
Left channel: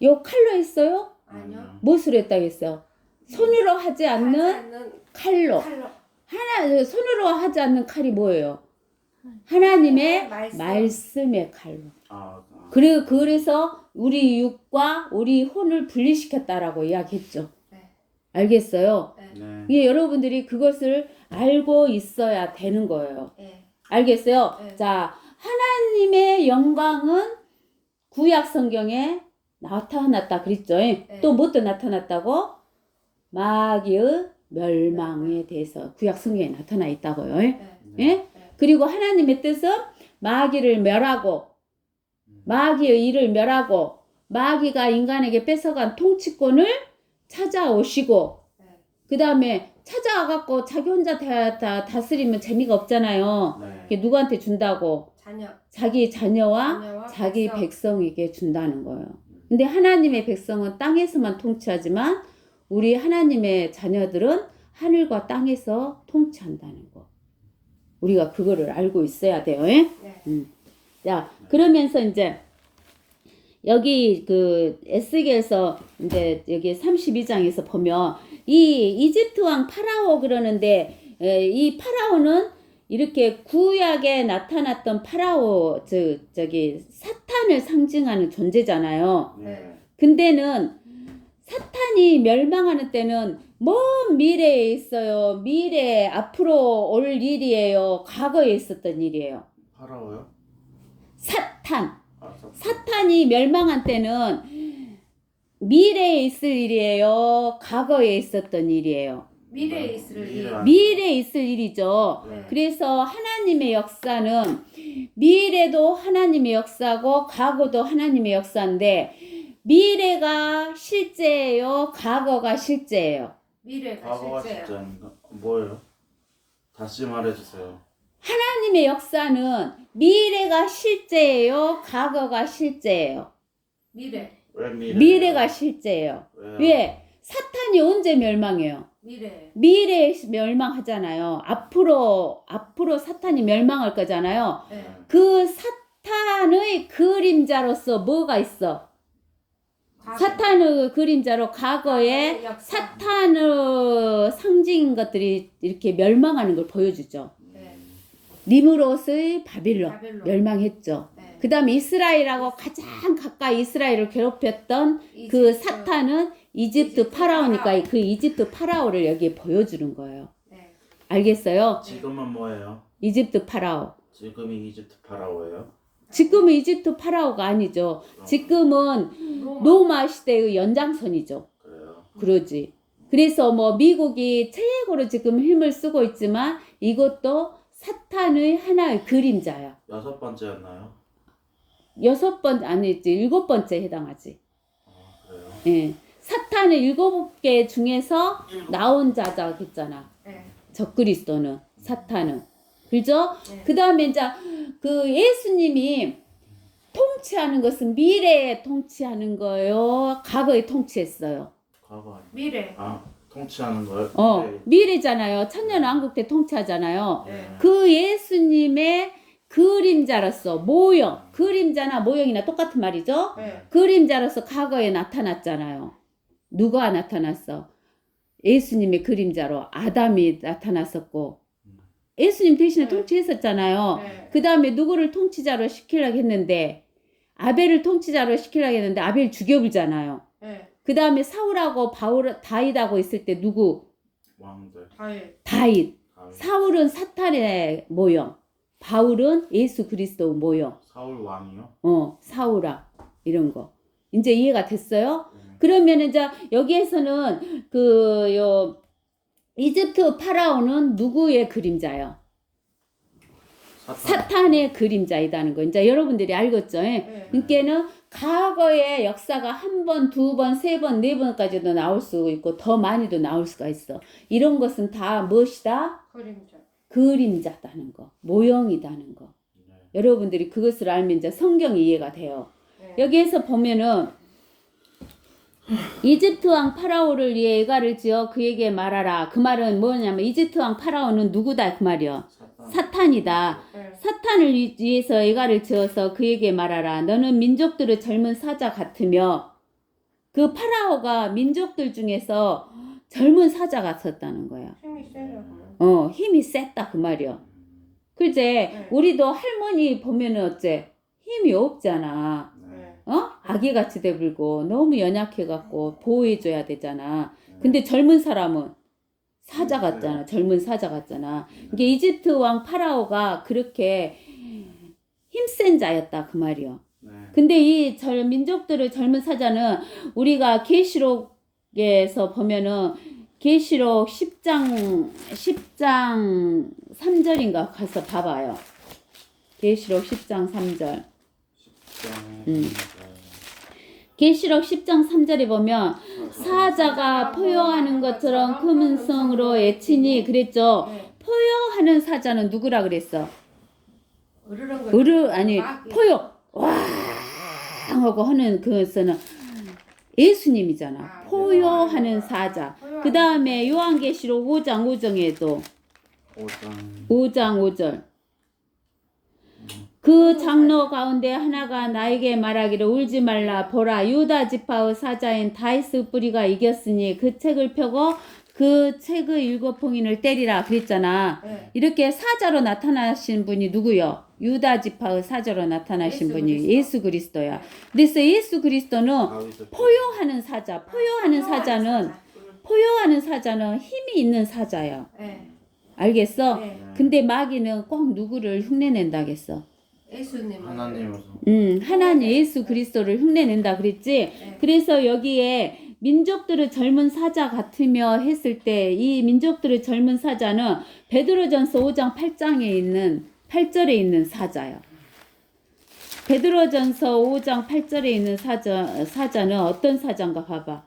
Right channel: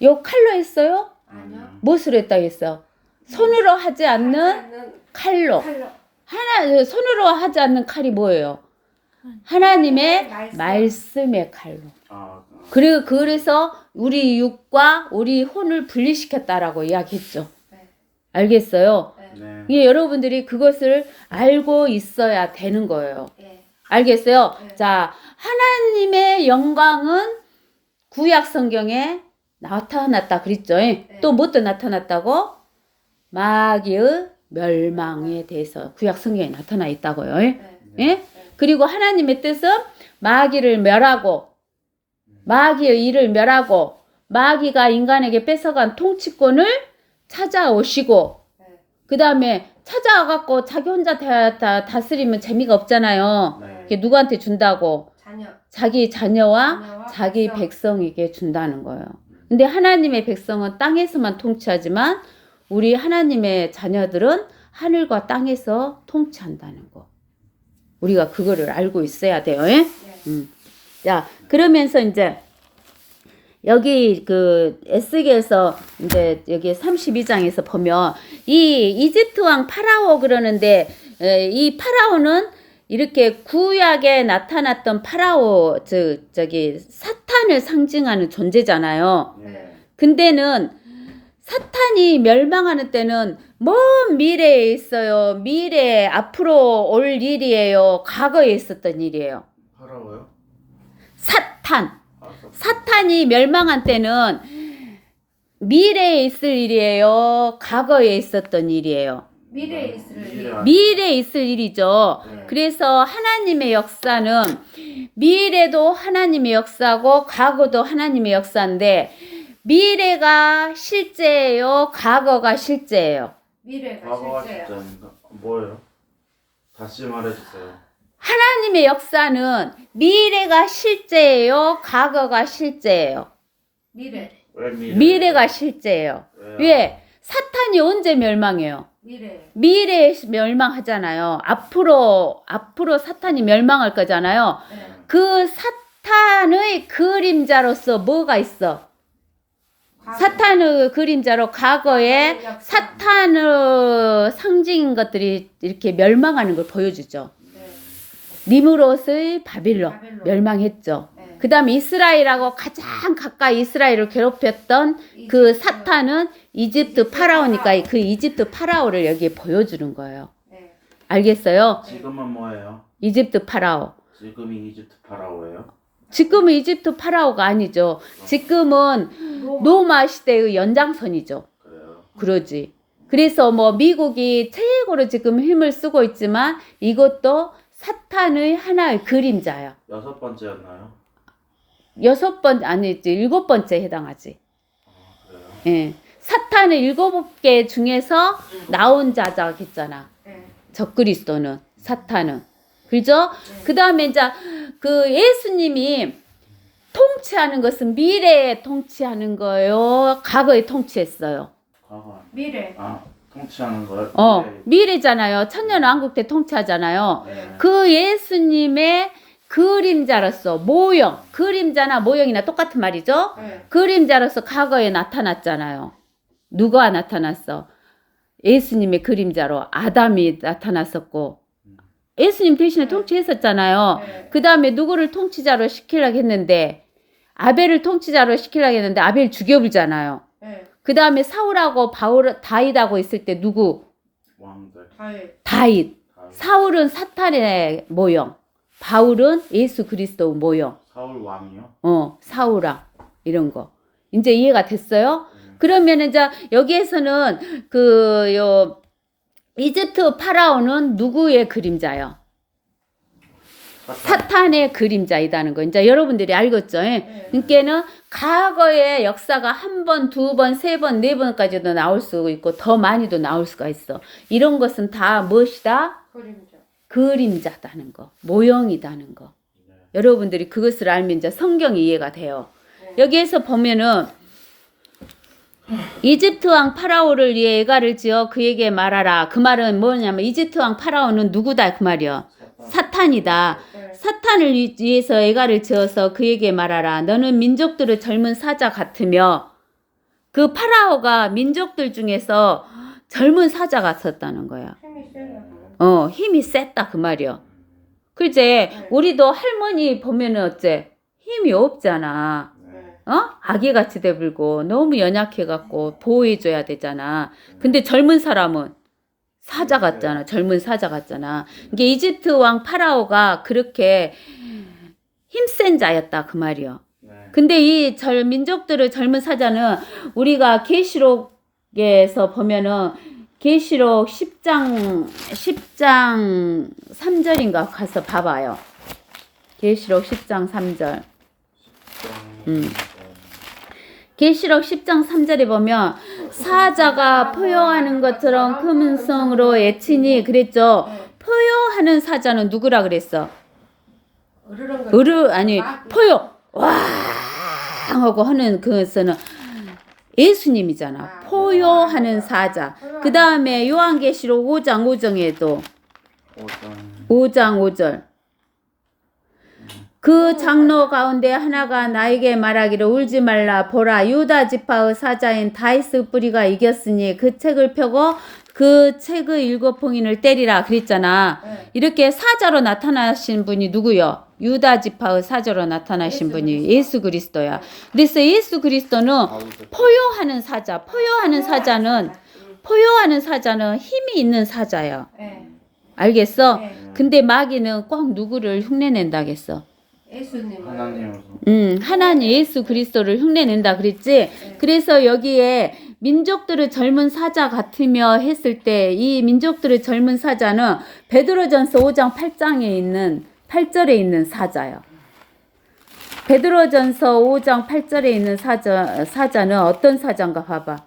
요 칼로 했어요? 아니요. 무엇으로 했다 했어? 손으로 하지 않는 하나는 칼로. 칼로. 손으로 하지 않는 칼이 뭐예요? 하나님의 말씀. 말씀의 칼로. 아, 그래서 우리 육과 우리 혼을 분리시켰다라고 이야기했죠. 네. 알겠어요? 네. 네. 예, 여러분들이 그것을 알고 있어야 되는 거예요. 네. 알겠어요? 네. 자, 하나님의 영광은 구약 성경에 나타났다 그랬죠. 또 뭣도 나타났다고? 마귀의 멸망에 대해서 구약 성경에 나타나 있다고요. 네. 예? 그리고 하나님의 뜻은 마귀를 멸하고 마귀의 일을 멸하고 마귀가 인간에게 뺏어간 통치권을 찾아오시고 네. 그 다음에 찾아와갖고 자기 혼자 다스리면 재미가 없잖아요. 네. 그게 누구한테 준다고? 자녀. 자기 자녀와 자녀와 자기 백성. 백성에게 준다는 거예요. 근데 하나님의 백성은 땅에서만 통치하지만 우리 하나님의 자녀들은 하늘과 땅에서 통치한다는 거. 우리가 그거를 알고 있어야 돼요. 예? 네. 자, 그러면서 이제 여기 그 에스겔서 이제 여기 32장에서 보면 이 이집트 왕 파라오 그러는데 이 파라오는 이렇게 구약에 나타났던 파라오 저기 사탄을 상징하는 존재잖아요. 네. 근데는 사탄이 멸망하는 때는 먼 미래에 있어요. 미래 앞으로 올 일이에요. 과거에 있었던 일이에요. 파라오요? 사탄. 아, 사탄이 멸망한 때는 미래에 있을 일이에요. 과거에 있었던 일이에요. 미래에 있을 일. 미래에 있을 일이죠. 네. 그래서 하나님의 역사는 미래도 하나님의 역사고 과거도 하나님의 역사인데 미래가 실제예요. 과거가 실제예요. 미래가 과거가 실제예요. 진짜인가? 뭐예요? 다시 말해주세요. 하나님의 역사는 미래가 실제예요. 과거가 실제예요. 미래. 왜 미래가 실제예요. 왜요? 왜? 사탄이 언제 멸망해요? 미래. 미래에 멸망하잖아요. 앞으로 사탄이 멸망할 거잖아요. 네. 그 사탄의 그림자로서 뭐가 있어? 사탄의 그림자로 과거에 역사. 사탄의 상징인 것들이 이렇게 멸망하는 걸 보여주죠. 네. 니무롯의 바빌론 바벨론. 멸망했죠. 네. 그 다음에 이스라엘하고 가장 가까이 이스라엘을 괴롭혔던 그 이집트. 사탄은 이집트 파라오니까 그 이집트 파라오를 여기에 보여주는 거예요. 네. 알겠어요? 지금은 뭐예요? 이집트 파라오. 지금이 이집트 파라오예요? 지금은 이집트 파라오가 아니죠. 지금은 로마 시대의 연장선이죠. 그래요. 그러지. 그래서 뭐 미국이 최고로 지금 힘을 쓰고 있지만 이것도 사탄의 하나의 그림자야. 6번째였나요? 7번째 해당하지. 그래요. 예. 사탄의 7개 중에서 나온 자작 했잖아. 네. 적그리스도는 사탄은. 그죠? 네. 그 다음에 이제 그 예수님이 통치하는 것은 미래에 통치하는 거예요. 과거에 통치했어요. 과거 아니에요? 미래. 아, 통치하는 거요? 네. 미래잖아요. 천년왕국 때 통치하잖아요. 네. 그 예수님의 그림자로서 모형, 그림자나 모형이나 똑같은 말이죠. 네. 그림자로서 과거에 나타났잖아요. 누가 나타났어? 예수님의 그림자로 아담이 나타났었고 예수님 대신에 통치했었잖아요. 네. 그 다음에 누구를 통치자로 시키려고 했는데 아벨을 통치자로 시키려고 했는데 아벨 죽여버리잖아요. 네. 그 다음에 사울하고 다윗하고 있을 때 누구? 왕들. 다윗. 다윗. 다윗. 사울은 사탄의 모형, 바울은 예수 그리스도 모형. 사울 왕이요? 사울아 이런 거 이제 이해가 됐어요? 그러면 이제 여기에서는 이집트 파라오는 누구의 그림자요? 사탄의 그림자이다는 거 이제 여러분들이 알겠죠? 네. 그러니까는 과거의 역사가 한 번, 두 번, 세 번, 네 번까지도 나올 수 있고 더 많이도 나올 수가 있어. 이런 것은 다 무엇이다? 그림자. 그림자다는 거, 모형이다는 거. 여러분들이 그것을 알면 이제 성경이 이해가 돼요. 네. 여기에서 보면은 이집트 왕 파라오를 위해 애가를 지어 그에게 말하라. 그 말은 뭐냐면 이집트 왕 파라오는 누구다 그 말이요. 사탄이다. 네. 사탄을 위해서 애가를 지어서 그에게 말하라. 너는 민족들의 젊은 사자 같으며 그 파라오가 민족들 중에서 젊은 사자 같았다는 거야. 힘이 세요. 힘이 셌다 그 말이요. 그제 네. 우리도 할머니 보면은 어째 힘이 없잖아. 네. 아기같이 돼불고 너무 연약해갖고 보호해줘야 되잖아. 근데 젊은 사람은 사자 같잖아. 젊은 사자 같잖아. 이게 이집트 왕 파라오가 그렇게 힘센 자였다 그 말이요. 네. 근데 이 민족들의 젊은 사자는 우리가 계시록에서 보면은 계시록 10장 3절인가 가서 봐봐요. 계시록 10장 3절. 계시록 10장 3절에 보면 사자가 포효하는 것처럼 큰 성으로 애치니 그랬죠. 네. 포효하는 사자는 누구라 그랬어? 으르렁 포효 와 하고 하는 그것은 예수님이잖아. 포효하는 사자. 그 다음에 요한계시록 5장 5정에도 5장 5절. 그 장로 가운데 하나가 나에게 말하기를 울지 말라. 보라 유다 지파의 사자인 다윗의 뿌리가 이겼으니 그 책을 펴고 그 책의 7 봉인을 때리라 그랬잖아. 네. 이렇게 사자로 나타나신 분이 누구요? 유다 지파의 사자로 나타나신 분이 예수 그리스도야. 그래서 예수 그리스도는 포효하는 사자. 포효하는 사자는 힘이 있는 사자야. 네. 알겠어? 네. 근데 마귀는 꼭 누구를 흉내낸다겠어. 예수님. 하나님 예수 그리스도를 흉내낸다 그랬지. 그래서 여기에 민족들의 젊은 사자 같으며 했을 때 이 민족들의 젊은 사자는 베드로전서 5장 8절에 있는 사자요. 베드로전서 5장 8절에 있는 사자는 어떤 사자인가 봐봐.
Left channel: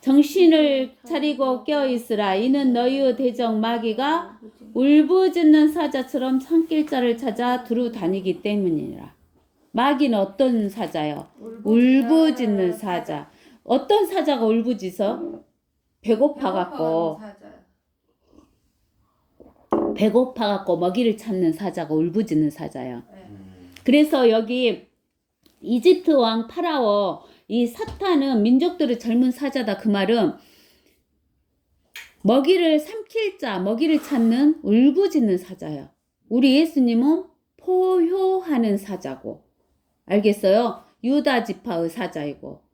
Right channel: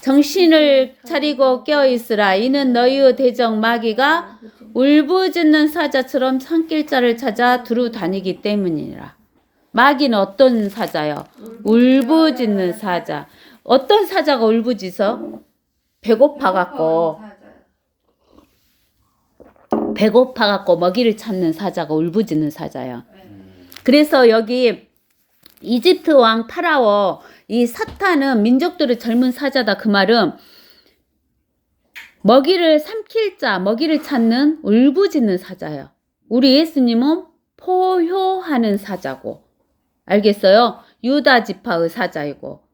정신을 차리고 깨어있으라. 이는 너희의 대적 마귀가 울부짖는 사자처럼 산길자를 찾아 두루 다니기 때문이라. 마귀는 어떤 사자요? 울부짖는 사자. 어떤 사자가 울부짖어? 배고파갖고 먹이를 찾는 사자가 울부짖는 사자야. 그래서 여기 이집트 왕 파라오 이 사탄은 민족들의 젊은 사자다 그 말은 먹이를 삼킬 자, 먹이를 찾는 울부짖는 사자예요. 우리 예수님은 포효하는 사자고, 알겠어요? 유다 지파의 사자이고.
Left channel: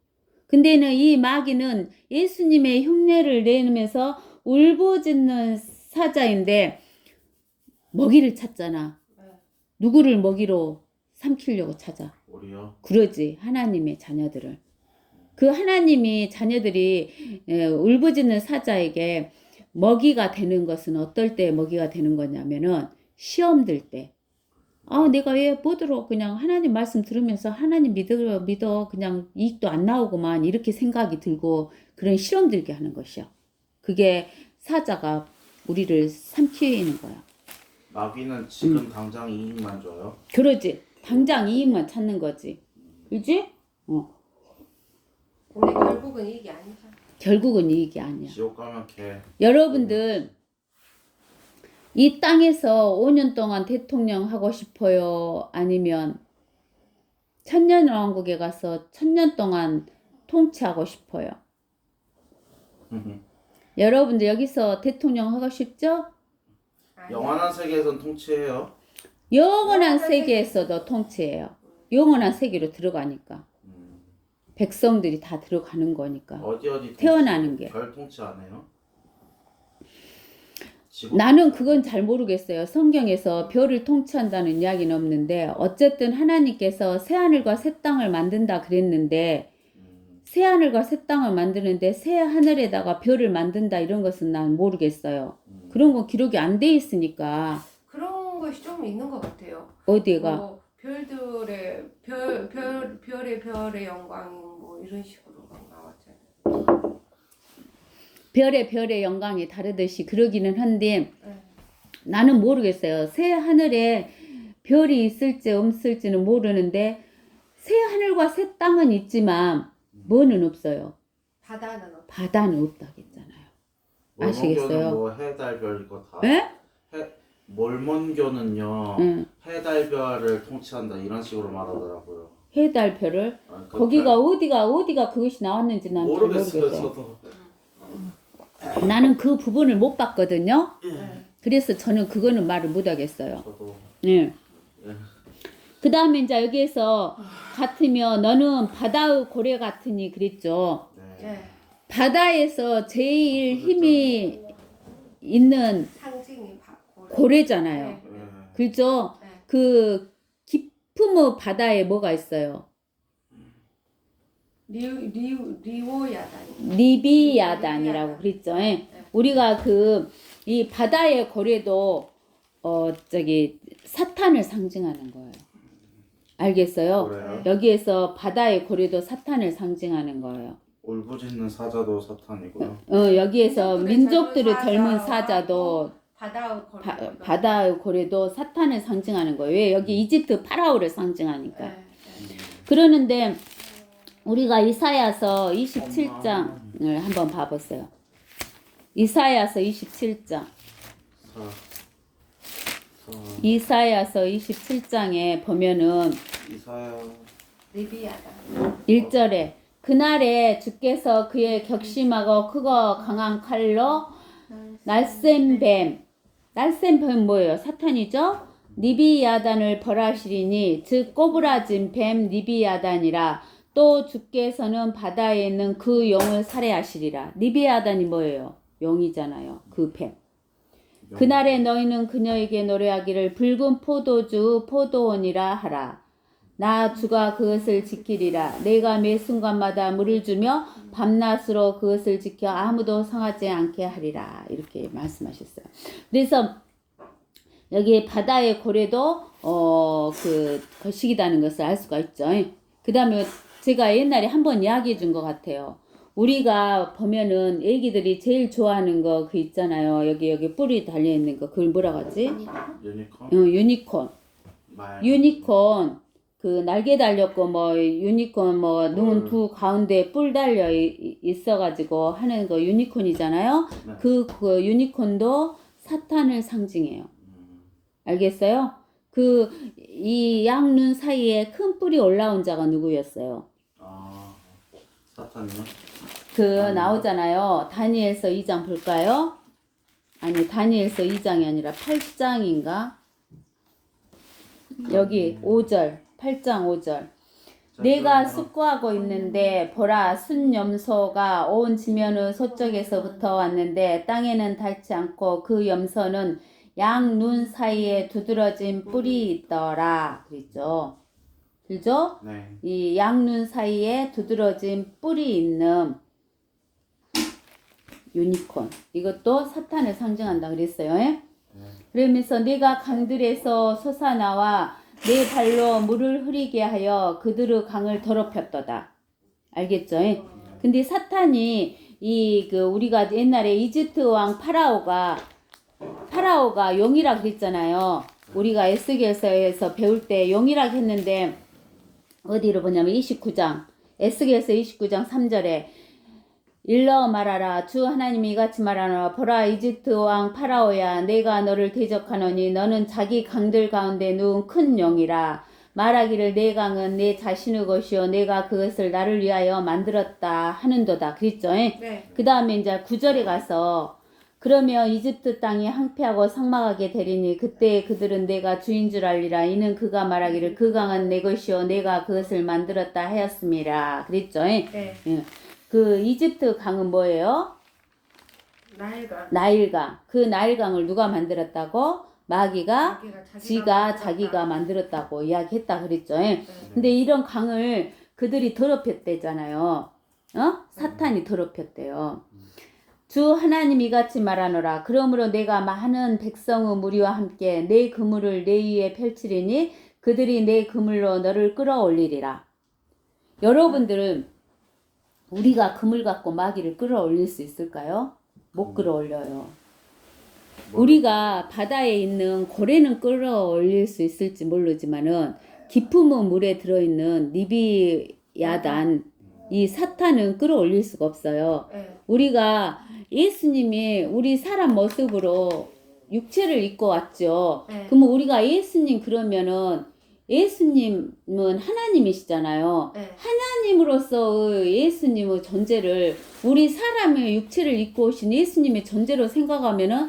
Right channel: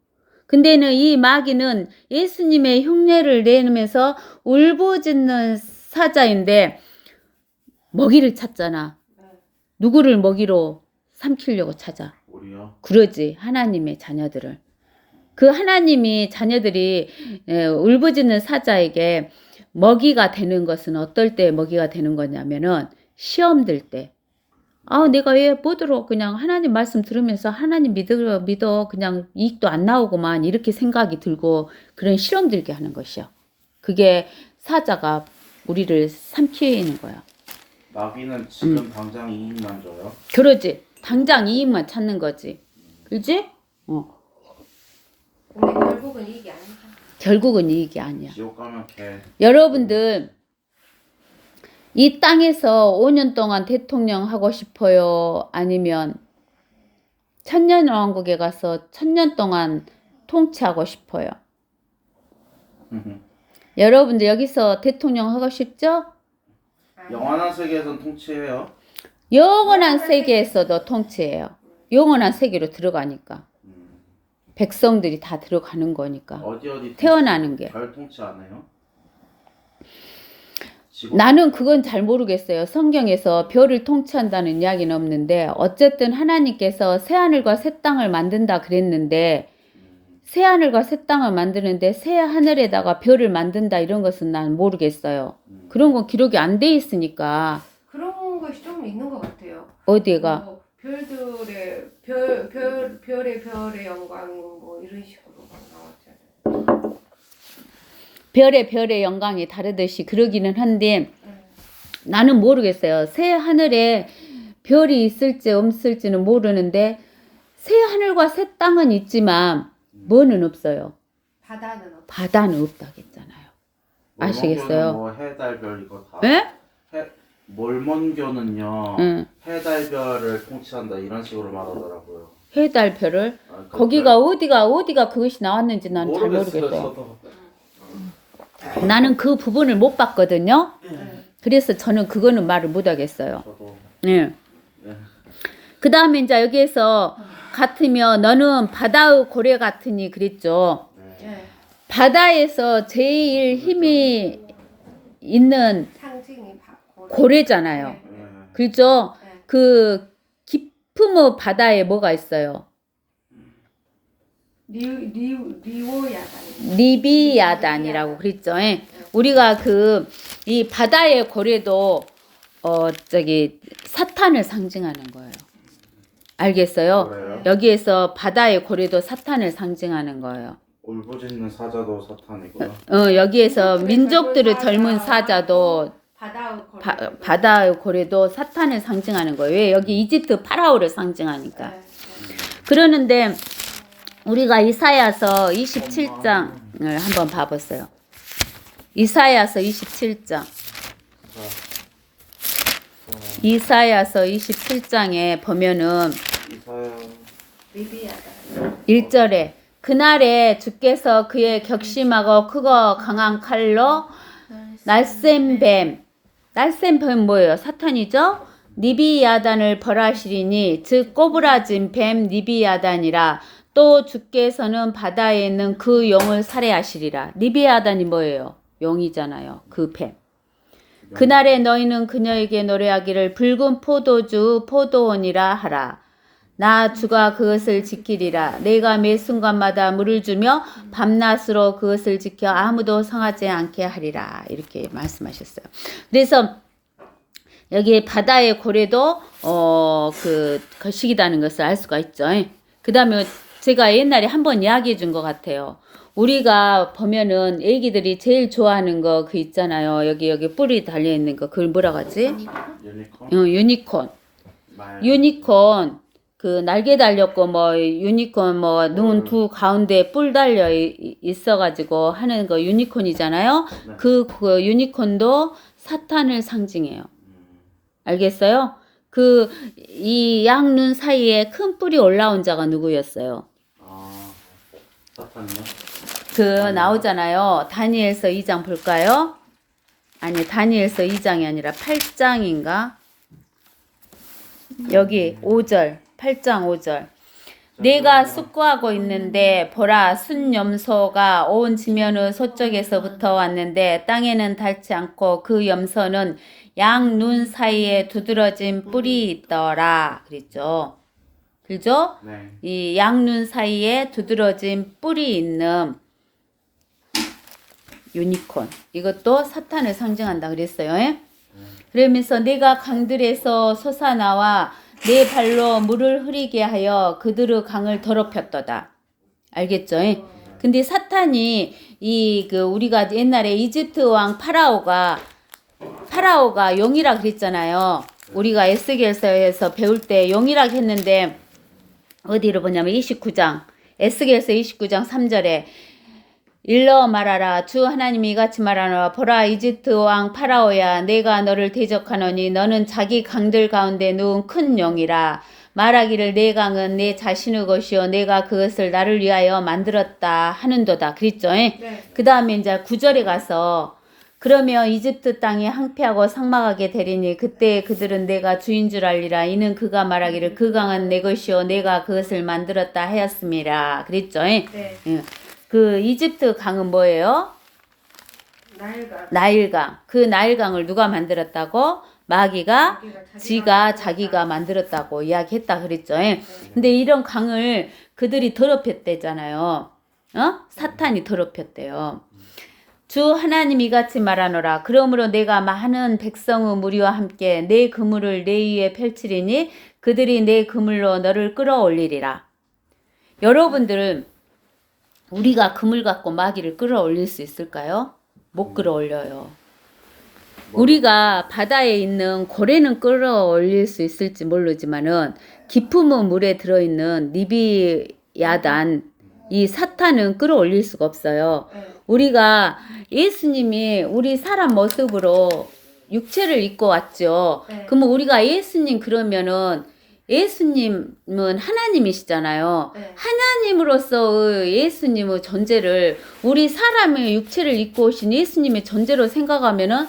근데는 이 마귀는 예수님의 흉내를 내면서 울부짖는 사자인데 먹이를 찾잖아. 누구를 먹이로 삼키려고 찾아? 우리요? 그러지. 하나님의 자녀들을. 그 하나님이 자녀들이 울부짖는 사자에게 먹이가 되는 것은 어떨 때 먹이가 되는 거냐면은 시험들 때. 내가 왜 뭐더러 그냥 하나님 말씀 들으면서 하나님 믿어 그냥 이익도 안 나오고만 이렇게 생각이 들고 그런 시험 들게 하는 것이요. 그게 사자가 우리를 삼키는 거야. 마귀는 지금 당장 이익만 줘요? 그러지. 당장 이익만 찾는 거지. 그지? 근데 결국은 이게 아니다. 결국은 이익이 아니야. 지옥 가면 개. 여러분들 이 땅에서 5년 동안 대통령 하고 싶어요? 아니면 천년왕국에 가서 1000년 동안 통치하고 싶어요? 여러분들 여기서 대통령 하고 싶죠? 아니. 영원한 세계에선 통치해요. 영원한 세계에서도 통치해요. 영원한 세계로 들어가니까. 백성들이 다 들어가는 거니까. 어디 태어나는 게. 별 통치 안 해요? 지구? 나는 그건 잘 모르겠어요. 성경에서 별을 통치한다는 이야기는 없는데 어쨌든 하나님께서 새하늘과 새 땅을 만든다 그랬는데 새하늘과 새 땅을 만드는데 새 하늘에다가 별을 만든다 이런 것은 난 모르겠어요. 그런 건 기록이 안 돼 있으니까. 그런 것이 좀 있는 것 같아요. 어디가? 뭐 별들의 별의 영광 뭐 이런 식으로 나왔잖아요. 별의 영광이 다르듯이 그러기는 한데 나는 모르겠어요. 새 하늘에 별이 있을지 없을지는 모르는데 새 하늘과 새 땅은 있지만 뭐는 없어요. 바다는 없. 바다는 없다겠잖아요. 아시겠어요? 뭐 해달별 이거 다. 예? 몰몬교는요. 응. 해달별을 통치한다 이런 식으로 말하더라고요. 해달별을 아, 거기가 어디가 그것이 나왔는지 난 잘 모르겠어요. 저도. 나는 그 부분을 못 봤거든요. 네. 그래서 저는 그거는 말을 못 하겠어요. 저도. 예. 그 다음에 이제 여기에서 같으면 너는 바다의 고래 같으니 그랬죠. 네. 네. 바다에서 제일 힘이 있는 상징이 고래잖아요. 네. 네. 그죠? 네. 그 깊은 바다에 뭐가 있어요? 리오야단. 리비아단이라고 그랬죠. 예. 우리가 이 바다의 고래도 사탄을 상징하는 거예요. 알겠어요? 그래요? 여기에서 바다의 고래도 사탄을 상징하는 거예요. 울부짖는 사자도 사탄이고요. 여기에서 민족들의 젊은 사자도 바다의 고래도 사탄을 상징하는 거예요. 왜? 여기 이집트 파라오를 상징하니까. 네. 그러는데 우리가 이사야서 27장을 한번 봐보세요. 이사야서 27장. 이사야서 27장에 보면은 이사야. 리비아단. 1절에 그날에 주께서 그의 격심하고 크고 강한 칼로 날쌘 뱀 뭐예요? 사탄이죠? 니비야단을 벌하시리니 즉 꼬부라진 뱀 니비야단이라 또 주께서는 바다에 있는 그 용을 살해하시리라. 니비야단이 뭐예요? 용이잖아요. 그 뱀. 그날에 너희는 그녀에게 노래하기를 붉은 포도주 포도원이라 하라. 나 주가 그것을 지키리라. 내가 매 순간마다 물을 주며 밤낮으로 그것을 지켜 아무도 상하지 않게 하리라. 이렇게 말씀하셨어요. 그래서 여기 바다의 고래도 거식이라는 것을 알 수가 있죠. 그 다음에 제가 옛날에 한번 이야기해 준 것 같아요. 우리가 보면은 애기들이 제일 좋아하는 거 그 있잖아요. 여기 뿔이 달려 있는 거 그걸 뭐라고 하지? 유니콘. 유니콘. 말. 유니콘 그 날개 달렸고 뭐 유니콘 뭐 눈 두 가운데 뿔 달려 있어가지고 하는 거 유니콘이잖아요. 네. 그 유니콘도 사탄을 상징해요. 알겠어요? 이 양눈 사이에 큰 뿔이 올라온 자가 누구였어요? 사탄이요? 나오잖아요. 다니엘서 2장 볼까요? 아니 다니엘서 2장이 아니라 8장인가? 여기 5절 8장 5절 내가 숙고하고 있는데 보라 순염소가 온 지면의 서쪽에서부터 왔는데 땅에는 닿지 않고 그 염소는 양 눈 사이에 두드러진 뿔이 있더라 그랬죠. 그죠? 네. 이 양눈 사이에 두드러진 뿔이 있는 유니콘 이것도 사탄을 상징한다 그랬어요. 그러면서 내가 강들에서 솟아나와 내 발로 물을 흐리게 하여 그들의 강을 더럽혔도다. 알겠죠? 근데 사탄이 우리가 옛날에 이집트 왕 파라오가 용이라 그랬잖아요. 우리가 에스겔서에서 배울 때 용이라 했는데 어디로 보냐면 29장 에스겔서 29장 3절에 일러 말하라 주 하나님이 이같이 말하노라 보라 이집트 왕 파라오야 내가 너를 대적하노니 너는 자기 강들 가운데 누운 큰 용이라 말하기를 내 강은 내 자신의 것이요 내가 그것을 나를 위하여 만들었다 하는도다. 그랬죠. 네. 그 다음에 이제 9절에 가서 그러면 이집트 땅이 항폐하고 삭막하게 되리니 그때 그들은 내가 주인 줄 알리라. 이는 그가 말하기를 그 강은 내 것이요 내가 그것을 만들었다 하였습니다. 그랬죠. 네. 그 이집트 강은 뭐예요? 나일강. 나일강. 그 나일강을 누가 만들었다고? 마귀가 지가 자기가 만들었다. 만들었다고 이야기했다 그랬죠. 근데 이런 강을 그들이 더럽혔대잖아요. 사탄이 더럽혔대요. 주 하나님 이같이 말하노라. 그러므로 내가 많은 백성의 무리와 함께 내 그물을 내 위에 펼치리니 그들이 내 그물로 너를 끌어올리리라. 여러분들은 우리가 그물 갖고 마귀를 끌어올릴 수 있을까요? 못 끌어올려요. 우리가 바다에 있는 고래는 끌어올릴 수 있을지 모르지만은 깊은 물에 들어있는 리비야단 이 사탄은 끌어올릴 수가 없어요. 네. 우리가 예수님이 우리 사람 모습으로 육체를 입고 왔죠. 네. 그러면 우리가 예수님 그러면은 예수님은 하나님이시잖아요. 네. 하나님으로서의 예수님의 존재를 우리 사람의 육체를 입고 오신 예수님의 존재로 생각하면은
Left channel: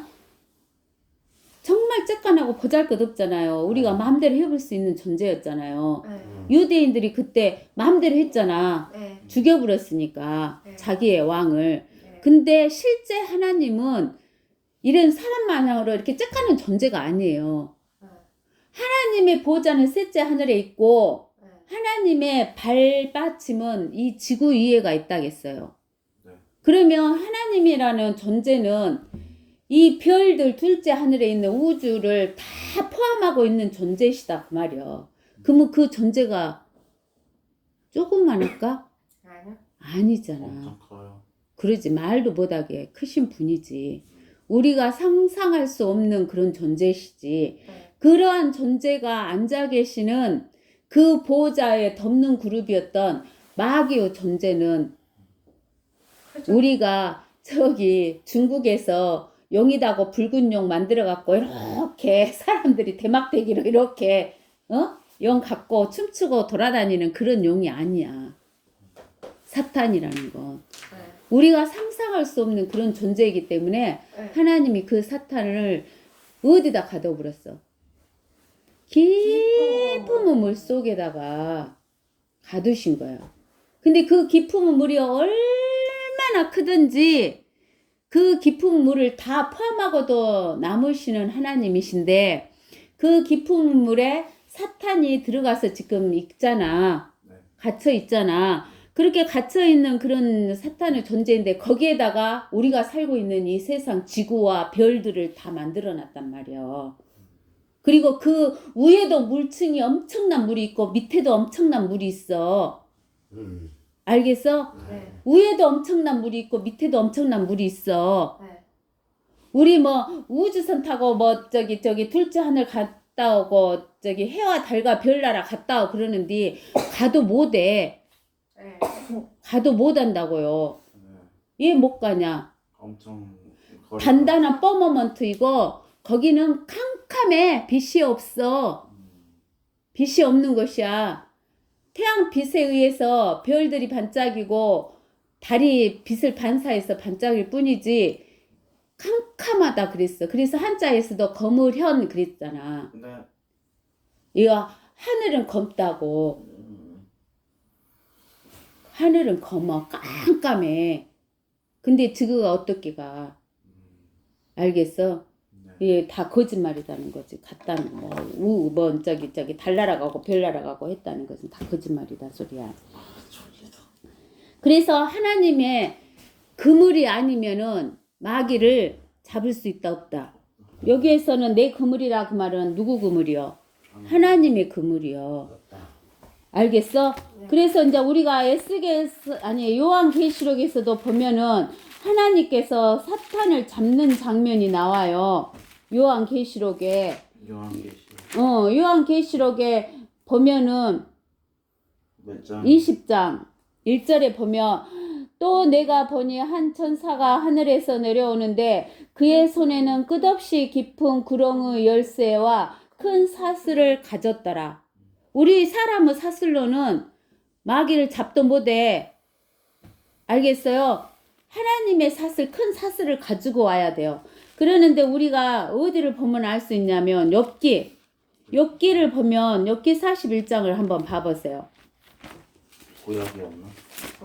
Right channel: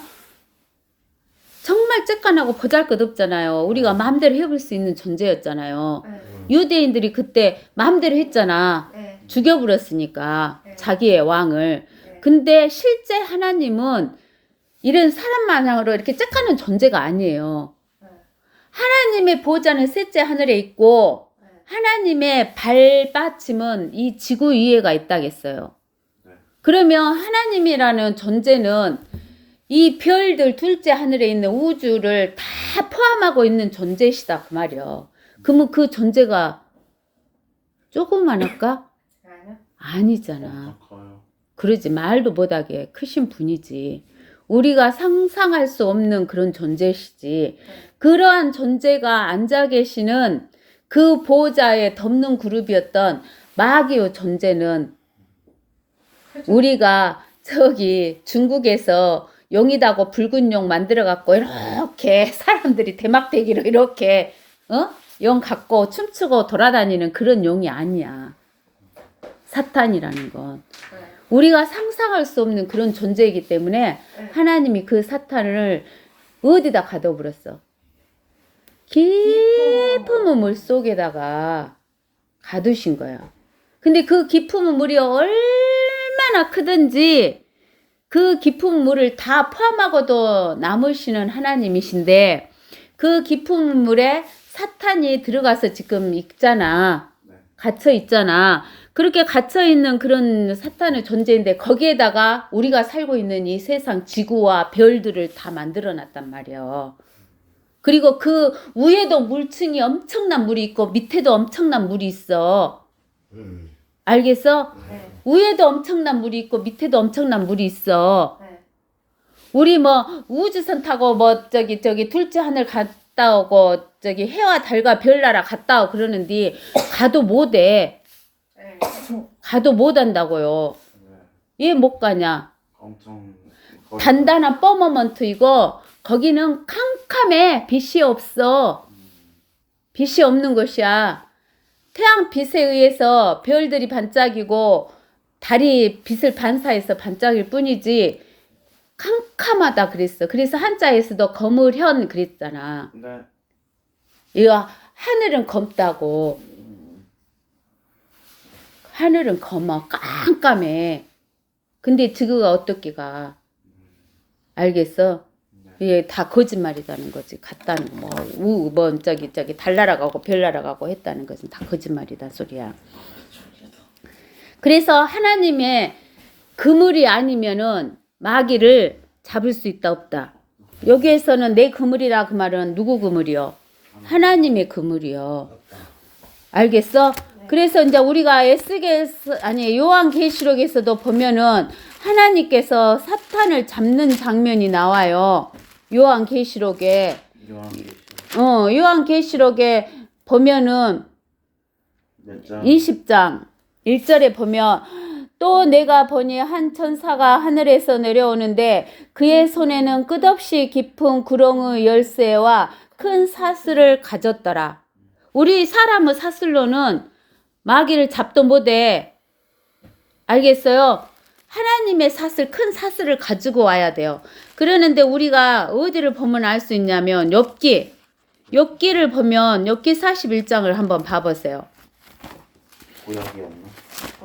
정말 쬐깐하고 보잘것없잖아요. 우리가 마음대로 해볼 수 있는 존재였잖아요. 네. 유대인들이 그때 마음대로 했잖아. 네. 죽여버렸으니까 네. 자기의 왕을. 네. 근데 실제 하나님은 이런 사람만으로 이렇게 쬐깐한 존재가 아니에요. 네. 하나님의 보좌는 셋째 하늘에 있고 네. 하나님의 발받침은 이 지구 위에가 있다겠어요. 네. 그러면 하나님이라는 존재는 이 별들 둘째 하늘에 있는 우주를 다 포함하고 있는 존재시다 그 말이요. 그러면 그 존재가 조그만할까? 아니요. 아니잖아. 엄청 커요. 그러지 말도 못하게 크신 분이지. 우리가 상상할 수 없는 그런 존재시지. 그러한 존재가 앉아 계시는 그 보호자의 덮는 그룹이었던 마귀의 존재는 우리가 저기 중국에서 용이다고 붉은 용 만들어 갖고 이렇게 사람들이 대막대기로 이렇게 용 갖고 춤추고 돌아다니는 그런 용이 아니야. 사탄이라는 건 네. 우리가 상상할 수 없는 그런 존재이기 때문에 네. 하나님이 그 사탄을 어디다 가둬버렸어? 깊은 물 속에다가 가두신 거야. 근데 그 깊은 물이 얼마나 크든지 그 깊은 물을 다 포함하고도 남으시는 하나님이신데 그 깊은 물에 사탄이 들어가서 지금 있잖아. 네. 갇혀 있잖아. 그렇게 갇혀 있는 그런 사탄의 존재인데 거기에다가 우리가 살고 있는 이 세상 지구와 별들을 다 만들어 놨단 말이야. 그리고 그 위에도 물층이 엄청난 물이 있고 밑에도 엄청난 물이 있어. 알겠어? 네. 위에도 엄청난 물이 있고 밑에도 엄청난 물이 있어. 네. 우리 뭐 우주선 타고 뭐 저기 둘째 하늘 갔다 오고 저기 해와 달과 별나라 갔다 오고 그러는데 가도 못해. 네. 가도 못 한다고요. 네. 왜 못 가냐? 엄청 단단한 퍼머먼트이고 거기는 캄캄해. 빛이 없어. 빛이 없는 것이야. 태양 빛에 의해서 별들이 반짝이고 달이 빛을 반사해서 반짝일 뿐이지 캄캄하다 그랬어. 그래서 한자에서도 거물현 그랬잖아. 네. 이거 하늘은 검다고. 하늘은 검어. 깜깜해. 근데 지구가 어떻게 알겠어? 이게 다 거짓말이라는 거지. 갔다는 뭐 저기 달 날아가고 별 날아가고 했다는 것은 다 거짓말이다 소리야. 그래서 하나님의 그물이 아니면은 마귀를 잡을 수 있다 없다. 여기에서는 내 그물이라 그 말은 누구 그물이요? 하나님의 그물이요. 알겠어? 그래서 이제 우리가 요한계시록에서도 보면은 하나님께서 사탄을 잡는 장면이 나와요. 요한계시록에 요한계시록에 보면은 몇 장? 20장 1절에 보면 또 내가 보니 한 천사가 하늘에서 내려오는데 그의 손에는 끝없이 깊은 구렁의 열쇠와 큰 사슬을 가졌더라. 우리 사람의 사슬로는 마귀를 잡도 못해. 알겠어요? 하나님의 사슬, 큰 사슬을 가지고 와야 돼요. 그러는데 우리가 어디를 보면 알 수 있냐면 욥기를 보면 욥기 41장을 한번 봐보세요. 구약이었나?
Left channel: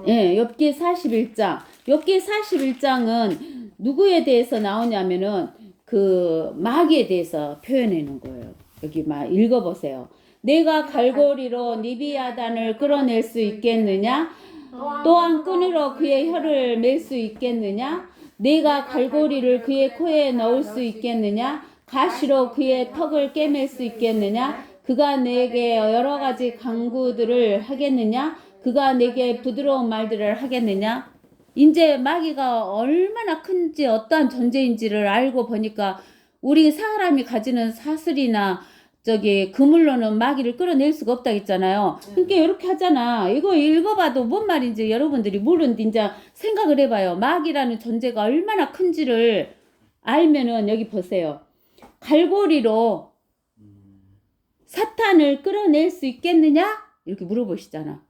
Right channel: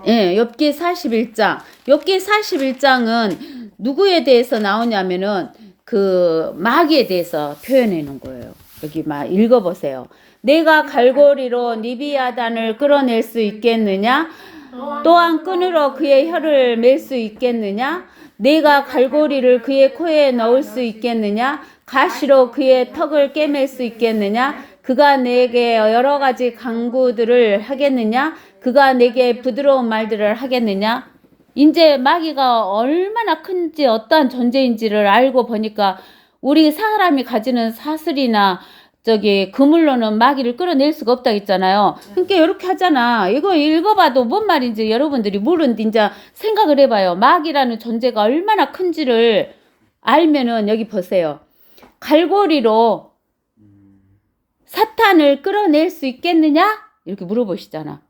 예, 욥기 41장. 욥기 41장은 누구에 대해서 나오냐면은 그 마귀에 대해서 표현해 놓은 거예요. 여기 막 읽어보세요. 내가 갈고리로 니비야단을 끌어낼 수 있겠느냐? 또한 끈으로 그의 혀를 맬 수 있겠느냐? 내가 갈고리를 그의 코에 넣을 수 있겠느냐? 가시로 그의 턱을 꿰맬 수 있겠느냐? 그가 내게 여러 가지 강구들을 하겠느냐? 그가 내게 부드러운 말들을 하겠느냐? 이제 마귀가 얼마나 큰지 어떠한 존재인지를 알고 보니까 우리 사람이 가지는 사슬이나 저기 그물로는 마귀를 끌어낼 수가 없다 했잖아요. 그러니까 이렇게 하잖아. 이거 읽어봐도 뭔 말인지 여러분들이 모르는데 이제 생각을 해봐요. 마귀라는 존재가 얼마나 큰지를 알면은 여기 보세요. 갈고리로 사탄을 끌어낼 수 있겠느냐? 이렇게 물어보시잖아.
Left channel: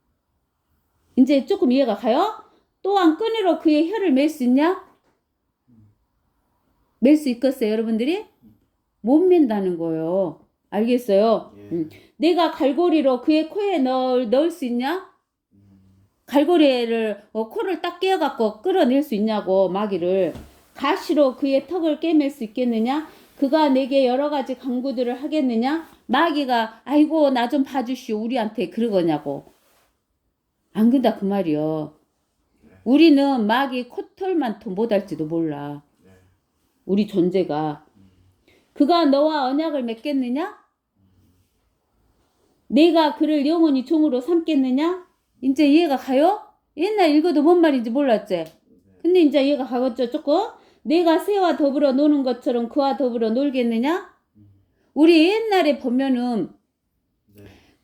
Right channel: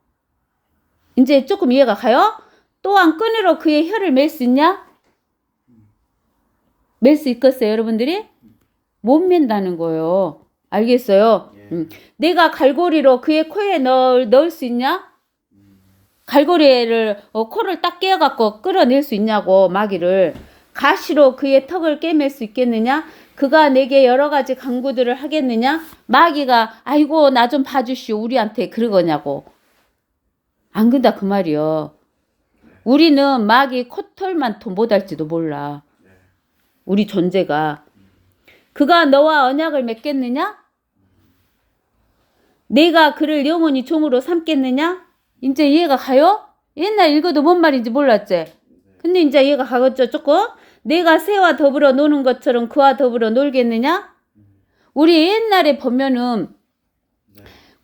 이제 조금 이해가 가요? 또한 끈으로 그의 혀를 맬 수 있냐? 맬 수 있겠어요, 여러분들이? 못 맨다는 거예요. 알겠어요? 예. 내가 갈고리로 그의 코에 넣을 수 있냐? 갈고리를 코를 딱 깨어갖고 끌어낼 수 있냐고 마귀를. 가시로 그의 턱을 꿰맬 수 있겠느냐? 그가 내게 여러 가지 강구들을 하겠느냐? 마귀가 아이고 나 좀 봐주시오 우리한테 그러거냐고. 안 그런다 그 말이요. 우리는 마귀 코털만 못할지도 몰라. 우리 존재가. 그가 너와 언약을 맺겠느냐? 내가 그를 영원히 종으로 삼겠느냐? 이제 이해가 가요? 옛날 읽어도 뭔 말인지 몰랐지? 근데 이제 이해가 가겠죠 조금? 내가 새와 더불어 노는 것처럼 그와 더불어 놀겠느냐? 우리 옛날에 보면은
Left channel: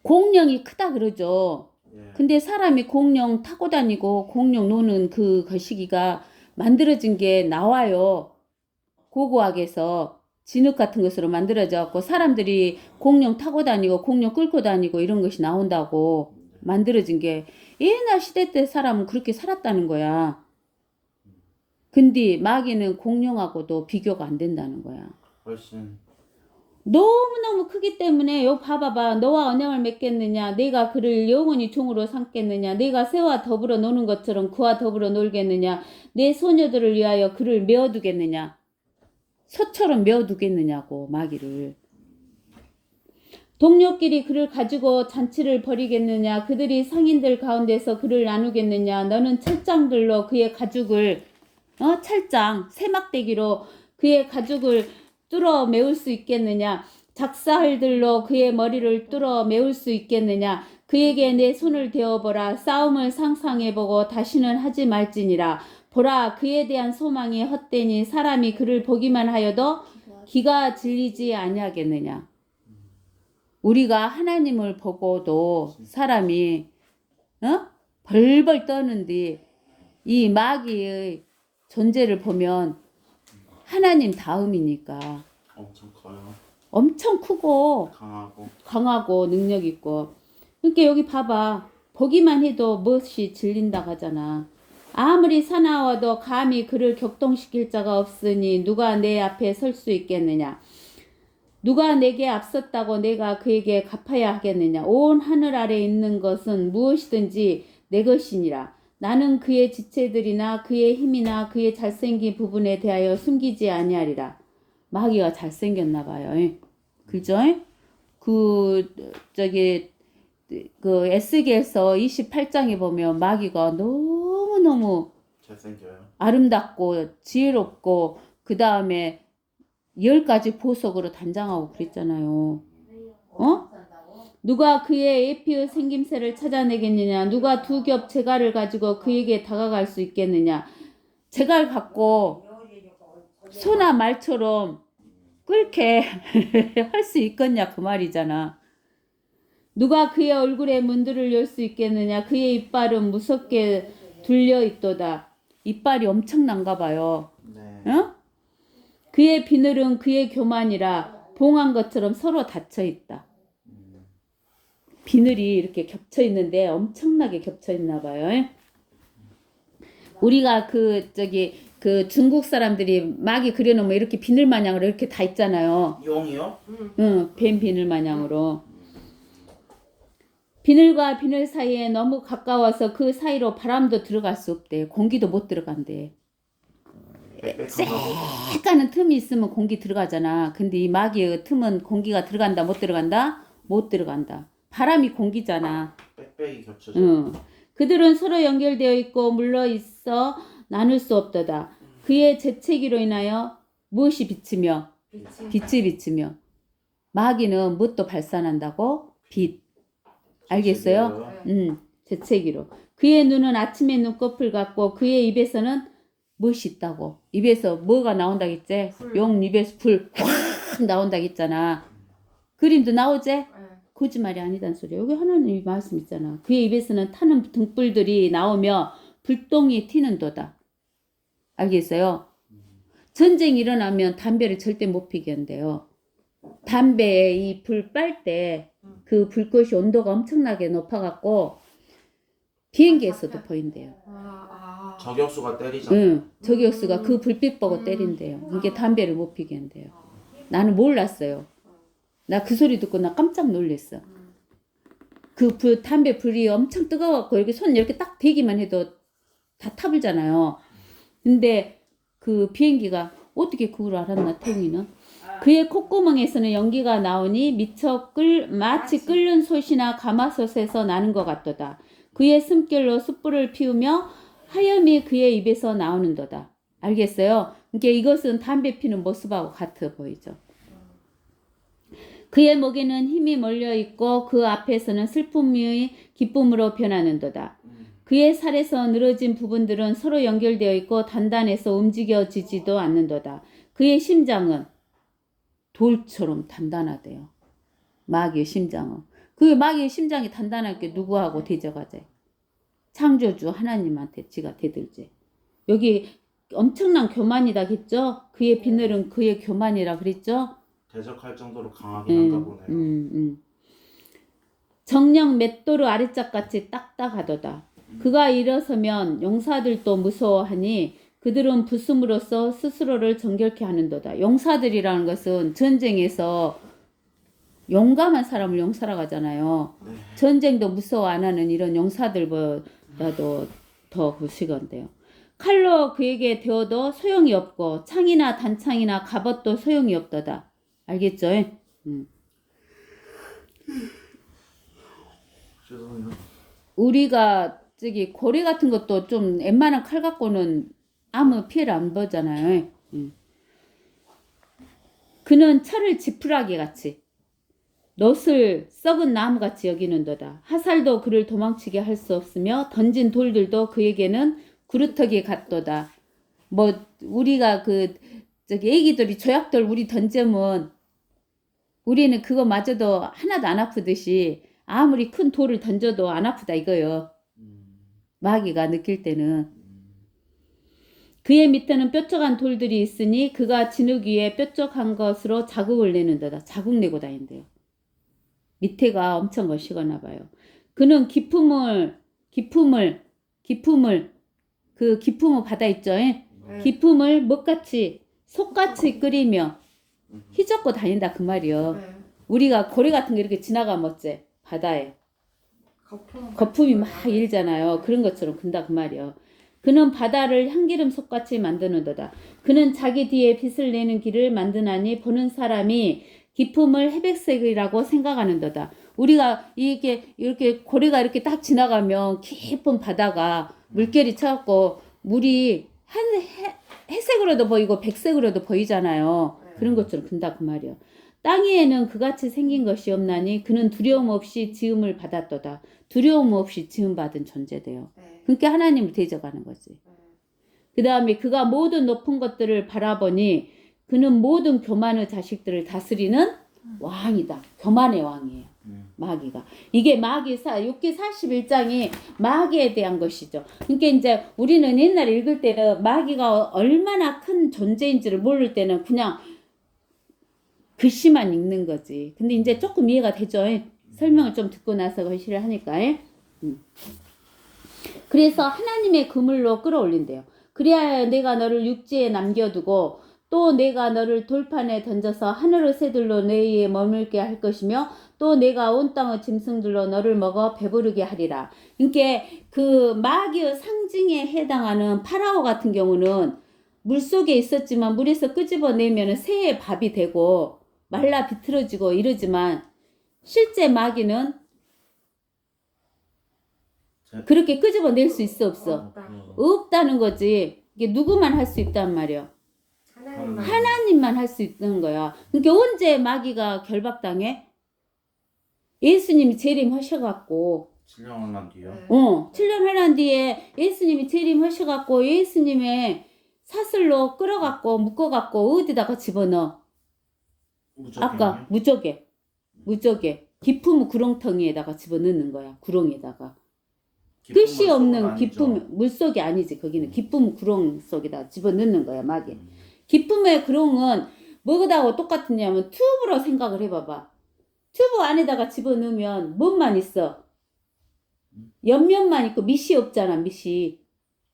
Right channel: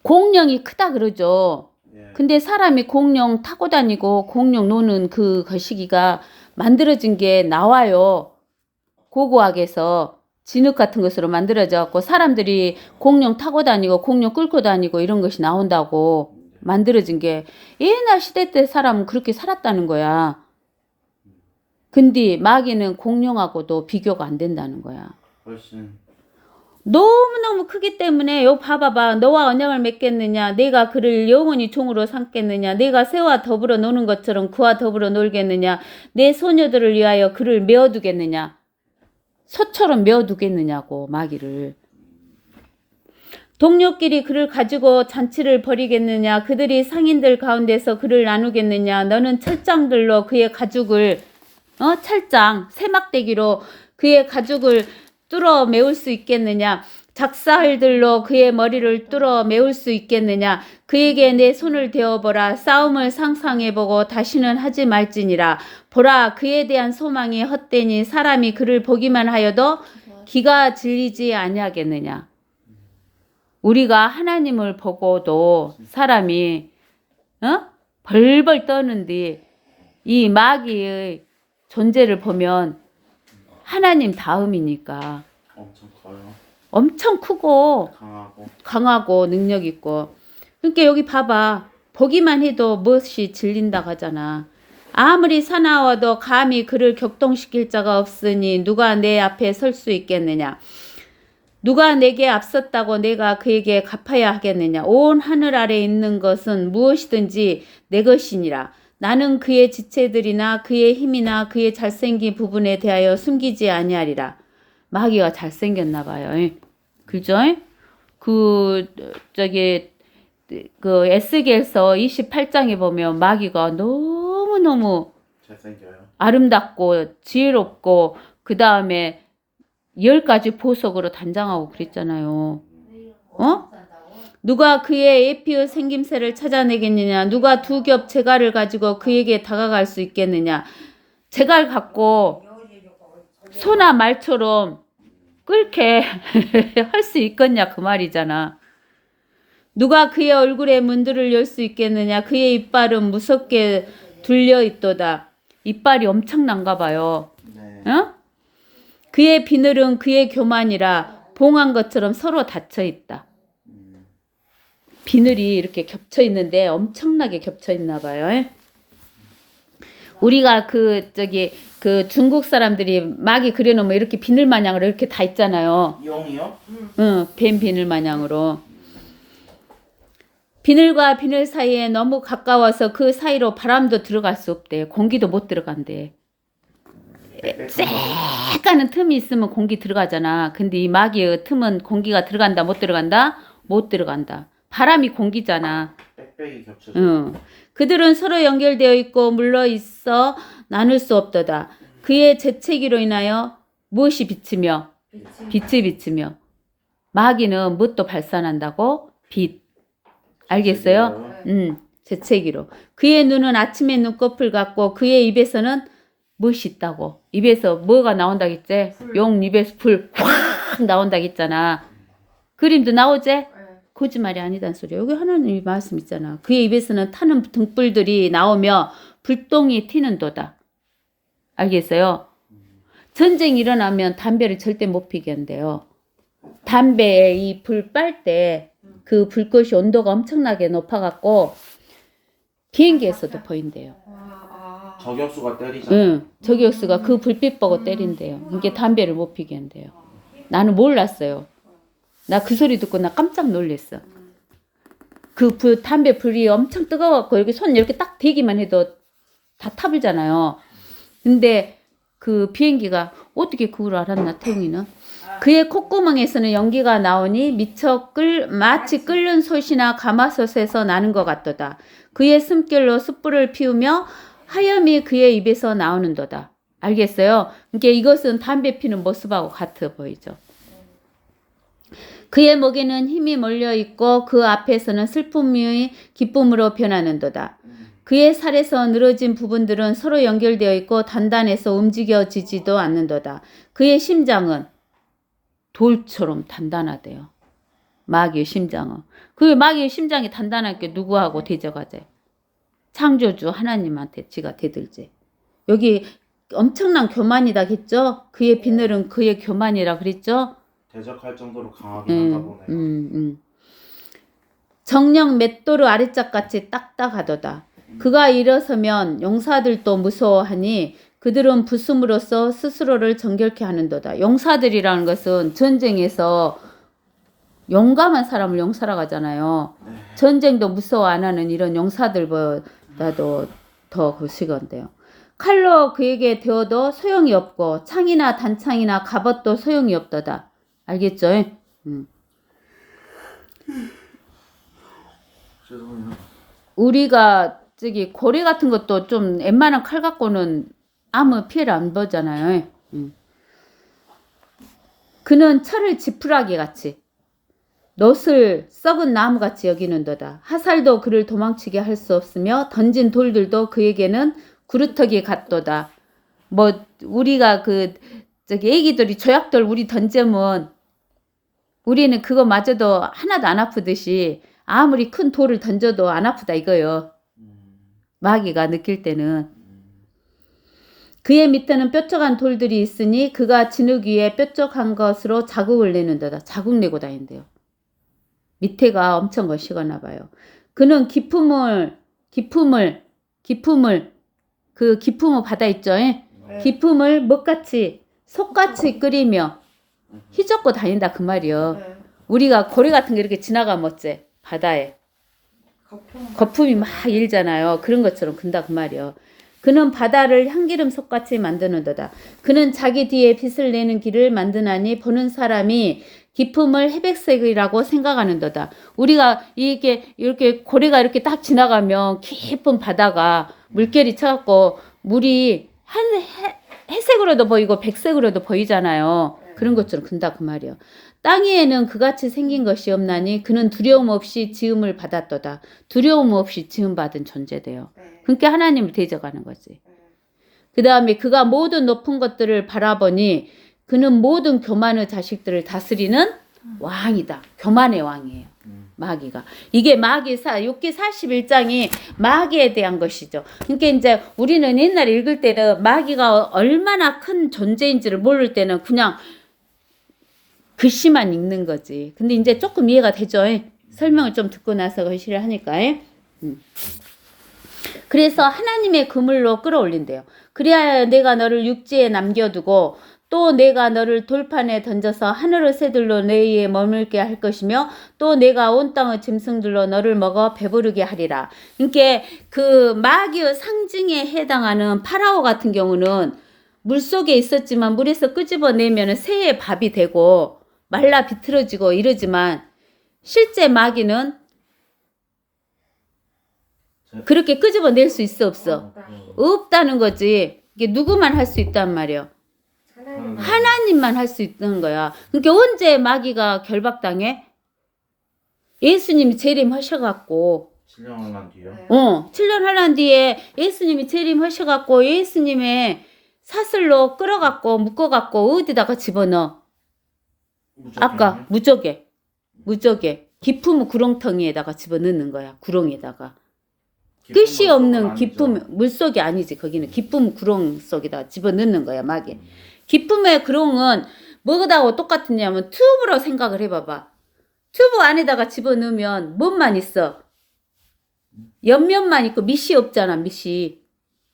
공룡이 크다 그러죠. 근데 사람이 공룡 타고 다니고 공룡 노는 그 시기가 만들어진 게 나와요. 고고학에서 진흙 같은 것으로 만들어져 갖고 사람들이 공룡 타고 다니고 공룡 끌고 다니고 이런 것이 나온다고 만들어진 게 옛날 시대 때 사람은 그렇게 살았다는 거야. 근데 마귀는 공룡하고도 비교가 안 된다는 거야. 훨씬 너무너무 크기 때문에 요 봐봐봐. 너와 언약을 맺겠느냐? 내가 그를 영원히 종으로 삼겠느냐? 내가 새와 더불어 노는 것처럼 그와 더불어 놀겠느냐? 내 소녀들을 위하여 그를 메어두겠느냐? 소처럼 메어두겠느냐고 마귀를. 동료끼리 그를 가지고 잔치를 벌이겠느냐? 그들이 상인들 가운데서 그를 나누겠느냐? 너는 철장들로 그의 가죽을 철장 세막대기로 그의 가죽을 뚫어 메울 수 있겠느냐? 작사활들로 그의 머리를 뚫어 메울 수 있겠느냐? 그에게 내 손을 대어보라. 싸움을 상상해보고 다시는 하지 말지니라. 보라, 그에 대한 소망이 헛되니 사람이 그를 보기만 하여도 기가 질리지 아니하겠느냐? 우리가 하나님을 보고도 사람이 벌벌 떠는데 이 마귀의 존재를 보면 하나님 다음이니까 엄청 커요. 엄청 크고 강하고 능력 있고. 그러니까 여기 봐봐. 보기만 해도 무엇이 질린다고 하잖아. 아무리 사나워도 감히 그를 격동시킬 자가 없으니 누가 내 앞에 설 수 있겠느냐? 누가 내게 앞섰다고 내가 그에게 갚아야 하겠느냐? 온 하늘 아래 있는 것은 무엇이든지 내 것이니라. 나는 그의 지체들이나 그의 힘이나 그의 잘생긴 부분에 대하여 숨기지 아니하리라. 마귀가 잘생겼나 봐요. 그죠? 그 에스겔서 28장에 보면 마귀가 너무너무 잘생겨요. 아름답고 지혜롭고 그 다음에 10가지 보석으로 단장하고 그랬잖아요. 누가 그의 에피의 생김새를 찾아내겠느냐? 누가 두 겹 재갈을 가지고 그에게 다가갈 수 있겠느냐? 재갈 갖고 소나 말처럼 끓게 할 수 있겠냐 그 말이잖아. 누가 그의 얼굴에 문들을 열 수 있겠느냐? 그의 이빨은 무섭게 둘려 있도다. 이빨이 엄청난가 봐요. 네. 그의 비늘은 그의 교만이라 봉한 것처럼 서로 닫혀 있다. 비늘이 이렇게 겹쳐 있는데 엄청나게 겹쳐 있나 봐요. 우리가 그 중국 사람들이 마귀 그려놓으면 이렇게 비늘 마냥으로 이렇게 다 있잖아요. 용이요? 응, 뱀 비늘 마냥으로. 비늘과 비늘 사이에 너무 가까워서 그 사이로 바람도 들어갈 수 없대. 공기도 못 들어간대. 쎄까는 틈이 있으면 공기 들어가잖아. 근데 이 마귀의 틈은 공기가 들어간다 못 들어간다? 못 들어간다. 바람이 공기잖아. 빽빽이 겹쳐져. 응. 그들은 서로 연결되어 있고 물러 있어 나눌 수 없도다. 그의 재채기로 인하여 무엇이 비치며 빛이 비치며 마귀는 무엇도 발산한다고? 빛. 알겠어요? 재채기로. 그의 눈은 아침의 눈꺼풀 같고 그의 입에서는 무엇이 있다고. 입에서 뭐가 나온다겠지? 용 입에서 불 확 나온다겠잖아. 그림도 나오지? 네. 거짓말이 아니단 소리야. 여기 하나님이 말씀 있잖아. 그의 입에서는 타는 등불들이 나오며 불똥이 튀는도다. 알겠어요? 전쟁이 일어나면 담배를 절대 못 피게 한대요. 담배에 이 불 빨 때 그 불꽃이 온도가 엄청나게 높아갖고 비행기에서도 보인대요. 저격수가 때리잖아. 응, 저격수가 그 불빛 보고 때린대요. 그러니까 담배를 못 피게 한대요. 나는 몰랐어요. 나 그 소리 듣고 나 깜짝 놀랐어. 그 담배 불이 엄청 뜨거워갖고 이렇게 손 이렇게 딱 대기만 해도 다 타불잖아요. 근데 그 비행기가 어떻게 그걸 알았나, 태웅이는? 그의 콧구멍에서는 연기가 나오니 마치 끓는 솥이나 가마솥에서 나는 것 같도다. 그의 숨결로 숯불을 피우며 하염이 그의 입에서 나오는도다. 알겠어요? 그러니까 이것은 담배 피는 모습하고 같아 보이죠. 그의 목에는 힘이 몰려있고 그 앞에서는 슬픔이 기쁨으로 변하는도다. 그의 살에서 늘어진 부분들은 서로 연결되어 있고 단단해서 움직여지지도 않는도다. 그의 심장은 돌처럼 단단하대요. 마귀의 심장은. 그 마귀의 심장이 단단한 게 누구하고 대적하재? 창조주 하나님한테 지가 대들지. 여기 엄청난 교만이다 했죠? 그의 비늘은 그의 교만이라 그랬죠? 대적할 정도로 강하긴 한가 보네요. 정령 맷도르 아래짝같이 딱딱하도다. 그가 일어서면 용사들도 무서워하니 그들은 부숨으로써 스스로를 정결케 하는도다. 용사들이라는 것은 전쟁에서 용감한 사람을 용사라고 하잖아요. 네. 전쟁도 무서워 안 하는 이런 용사들보다도 더 그시건데요. 칼로 그에게 되어도 소용이 없고 창이나 단창이나 갑옷도 소용이 없도다. 알겠죠? 죄송해요. 우리가 고래 같은 것도 좀 웬만한 칼 갖고는 아무 피해를 안 보잖아요. 그는 철을 지푸라기 같이 놋을 썩은 나무같이 여기는도다. 화살도 그를 도망치게 할 수 없으며 던진 돌들도 그에게는 구루터기 같도다. 우리가 애기들이 조약돌 우리 던지면 우리는 그거 맞아도 하나도 안 아프듯이 아무리 큰 돌을 던져도 안 아프다 이거요. 마귀가 느낄 때는. 그의 밑에는 뾰족한 돌들이 있으니 그가 진흙 위에 뾰족한 것으로 자국을 내는도다. 자국 내고 다닌대요. 밑에가 엄청 거시거나 봐요. 그는 기품을 바다 있죠? 기품을 먹같이 속같이 끓이며 휘젓고 다닌다 그 말이요. 우리가 고래 같은 게 이렇게 지나가면 어째? 바다에 거품이 막 일잖아요. 그런 것처럼 근다 그 말이요. 그는 바다를 향기름 속같이 만드는도다. 그는 자기 뒤에 빛을 내는 길을 만드나니 보는 사람이 기품을 회백색이라고 생각하는도다. 우리가 이렇게 고래가 이렇게 딱 지나가면 깊은 바다가 물결이 쳐갖고 물이 회색으로도 보이고 백색으로도 보이잖아요. 그런 것처럼 근다 그 말이요. 땅 위에는 그같이 생긴 것이 없나니 그는 두려움 없이 지음을 받았도다. 두려움 없이 지음받은 존재돼요. 그러니까 하나님을 대적하는 거지. 그 다음에 그가 모든 높은 것들을 바라보니 그는 모든 교만의 자식들을 다스리는 왕이다. 교만의 왕이에요. 마귀가. 이게 욥기 41장이 마귀에 대한 것이죠. 그러니까 이제 우리는 옛날에 읽을 때는 마귀가 얼마나 큰 존재인지를 모를 때는 그냥 글씨만 읽는 거지. 근데 이제 조금 이해가 되죠. 설명을 좀 듣고 나서 거시를 하니까. 그래서 하나님의 그물로 끌어올린대요. 그래야 내가 너를 육지에 남겨두고 또 내가 너를 돌판에 던져서 하늘의 새들로 내 위에 머물게 할 것이며 또 내가 온 땅의 짐승들로 너를 먹어 배부르게 하리라. 그러니까 그 마귀의 상징에 해당하는 파라오 같은 경우는 물속에 있었지만 물에서 끄집어내면 새의 밥이 되고 말라 비틀어지고 이러지만 실제 마귀는 그렇게 끄집어낼 수 있어 없어? 없다는 거지. 이게 누구만 할 수 있단 말이야. 하나님만 할 수 있는 거야. 그러니까 언제 마귀가 결박당해? 예수님이 재림하셔갖고 7년 한 뒤요? 7년 하란 뒤에 예수님이 재림하셔갖고 예수님의 사슬로 끌어갖고 묶어갖고 어디다가 집어넣어? 아까 무적에 깊은 구렁텅이에다가 집어넣는 거야. 구렁에다가 끝이 없는 깊음 물속이 아니지. 거기는 깊은 구렁 속에다 집어넣는 거야. 마귀. 깊음의 구렁은 뭐하고 똑같으냐면 튜브로 생각을 해봐봐. 튜브 안에다가 집어넣으면 뭔만 있어? 옆면만 있고 밑이 없잖아. 밑이.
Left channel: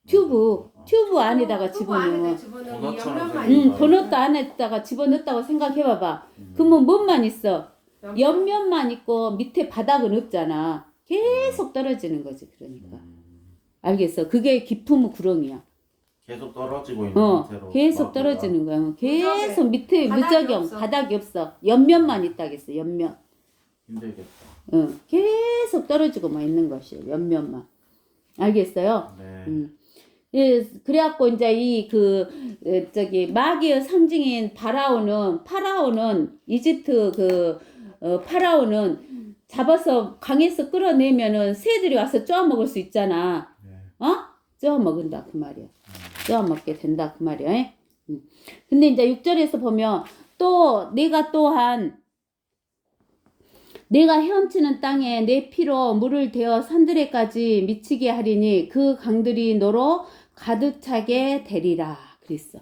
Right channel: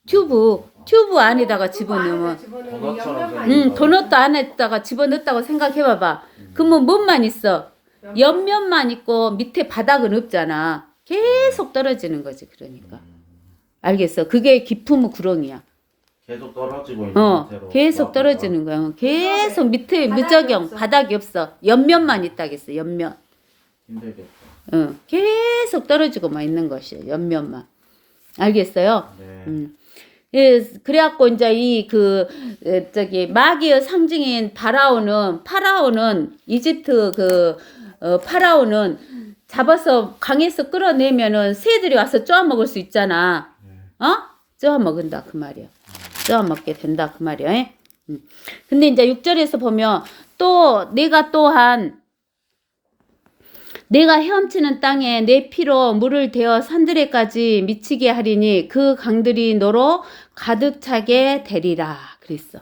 튜브 안에다가 집어넣으면 도넛도 안에다가 집어넣었다고 생각해봐봐. 그러면 뭔만 있어? 옆면만 있고 밑에 바닥은 없잖아. 계속 떨어지는 거지. 그러니까 알겠어? 그게 깊은 구렁이야. 계속 떨어지고 있는 상태로 계속 떨어지는 거야. 계속 밑에 무적용 바닥이 없어. 옆면만 있다겠어. 옆면. 힘들겠다. 계속 떨어지고만 있는 것이에요. 옆면만. 알겠어요? 네. 예, 그래갖고 이제 마귀의 상징인 파라오는 이집트 파라오는 잡아서 강에서 끌어내면은 새들이 와서 쪼아먹을 수 있잖아. 쪼아먹은다 그 말이야. 쪼아먹게 된다 그 말이야. 근데 이제 6절에서 보면 또 내가 또한 내가 헤엄치는 땅에 내 피로 물을 대어 산들에까지 미치게 하리니 그 강들이 너로 가득 차게 되리라 그랬어.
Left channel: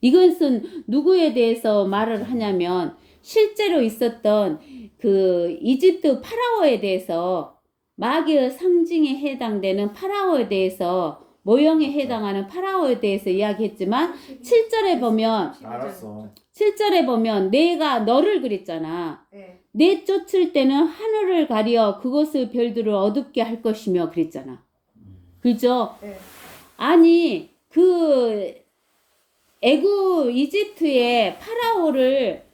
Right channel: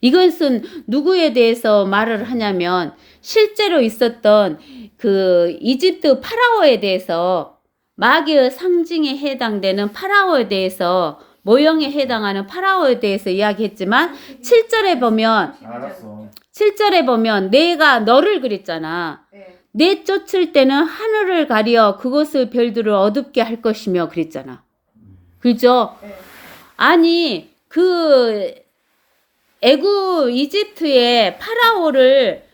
이것은 누구에 대해서 말을 하냐면 실제로 있었던 그 이집트 파라오에 대해서 마귀의 상징에 해당되는 파라오에 대해서 모형에 해당하는 파라오에 대해서 이야기했지만 7절에 보면 내가 너를 그랬잖아. 내쫓을 때는 하늘을 가려 그곳의 별들을 어둡게 할 것이며 그랬잖아. 그죠? 아니 이집트의 파라오를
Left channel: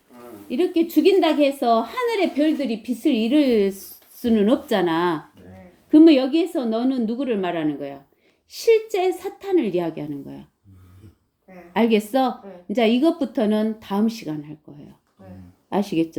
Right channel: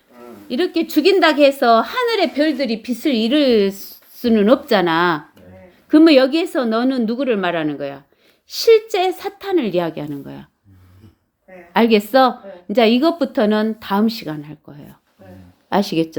이렇게 죽인다고 해서 하늘의 별들이 빛을 잃을 수는 없잖아. 그러면 여기에서 너는 누구를 말하는 거야? 실제 사탄을 이야기하는 거야. 알겠어? 이제 이것부터는 다음 시간 할 거예요. 아시겠죠?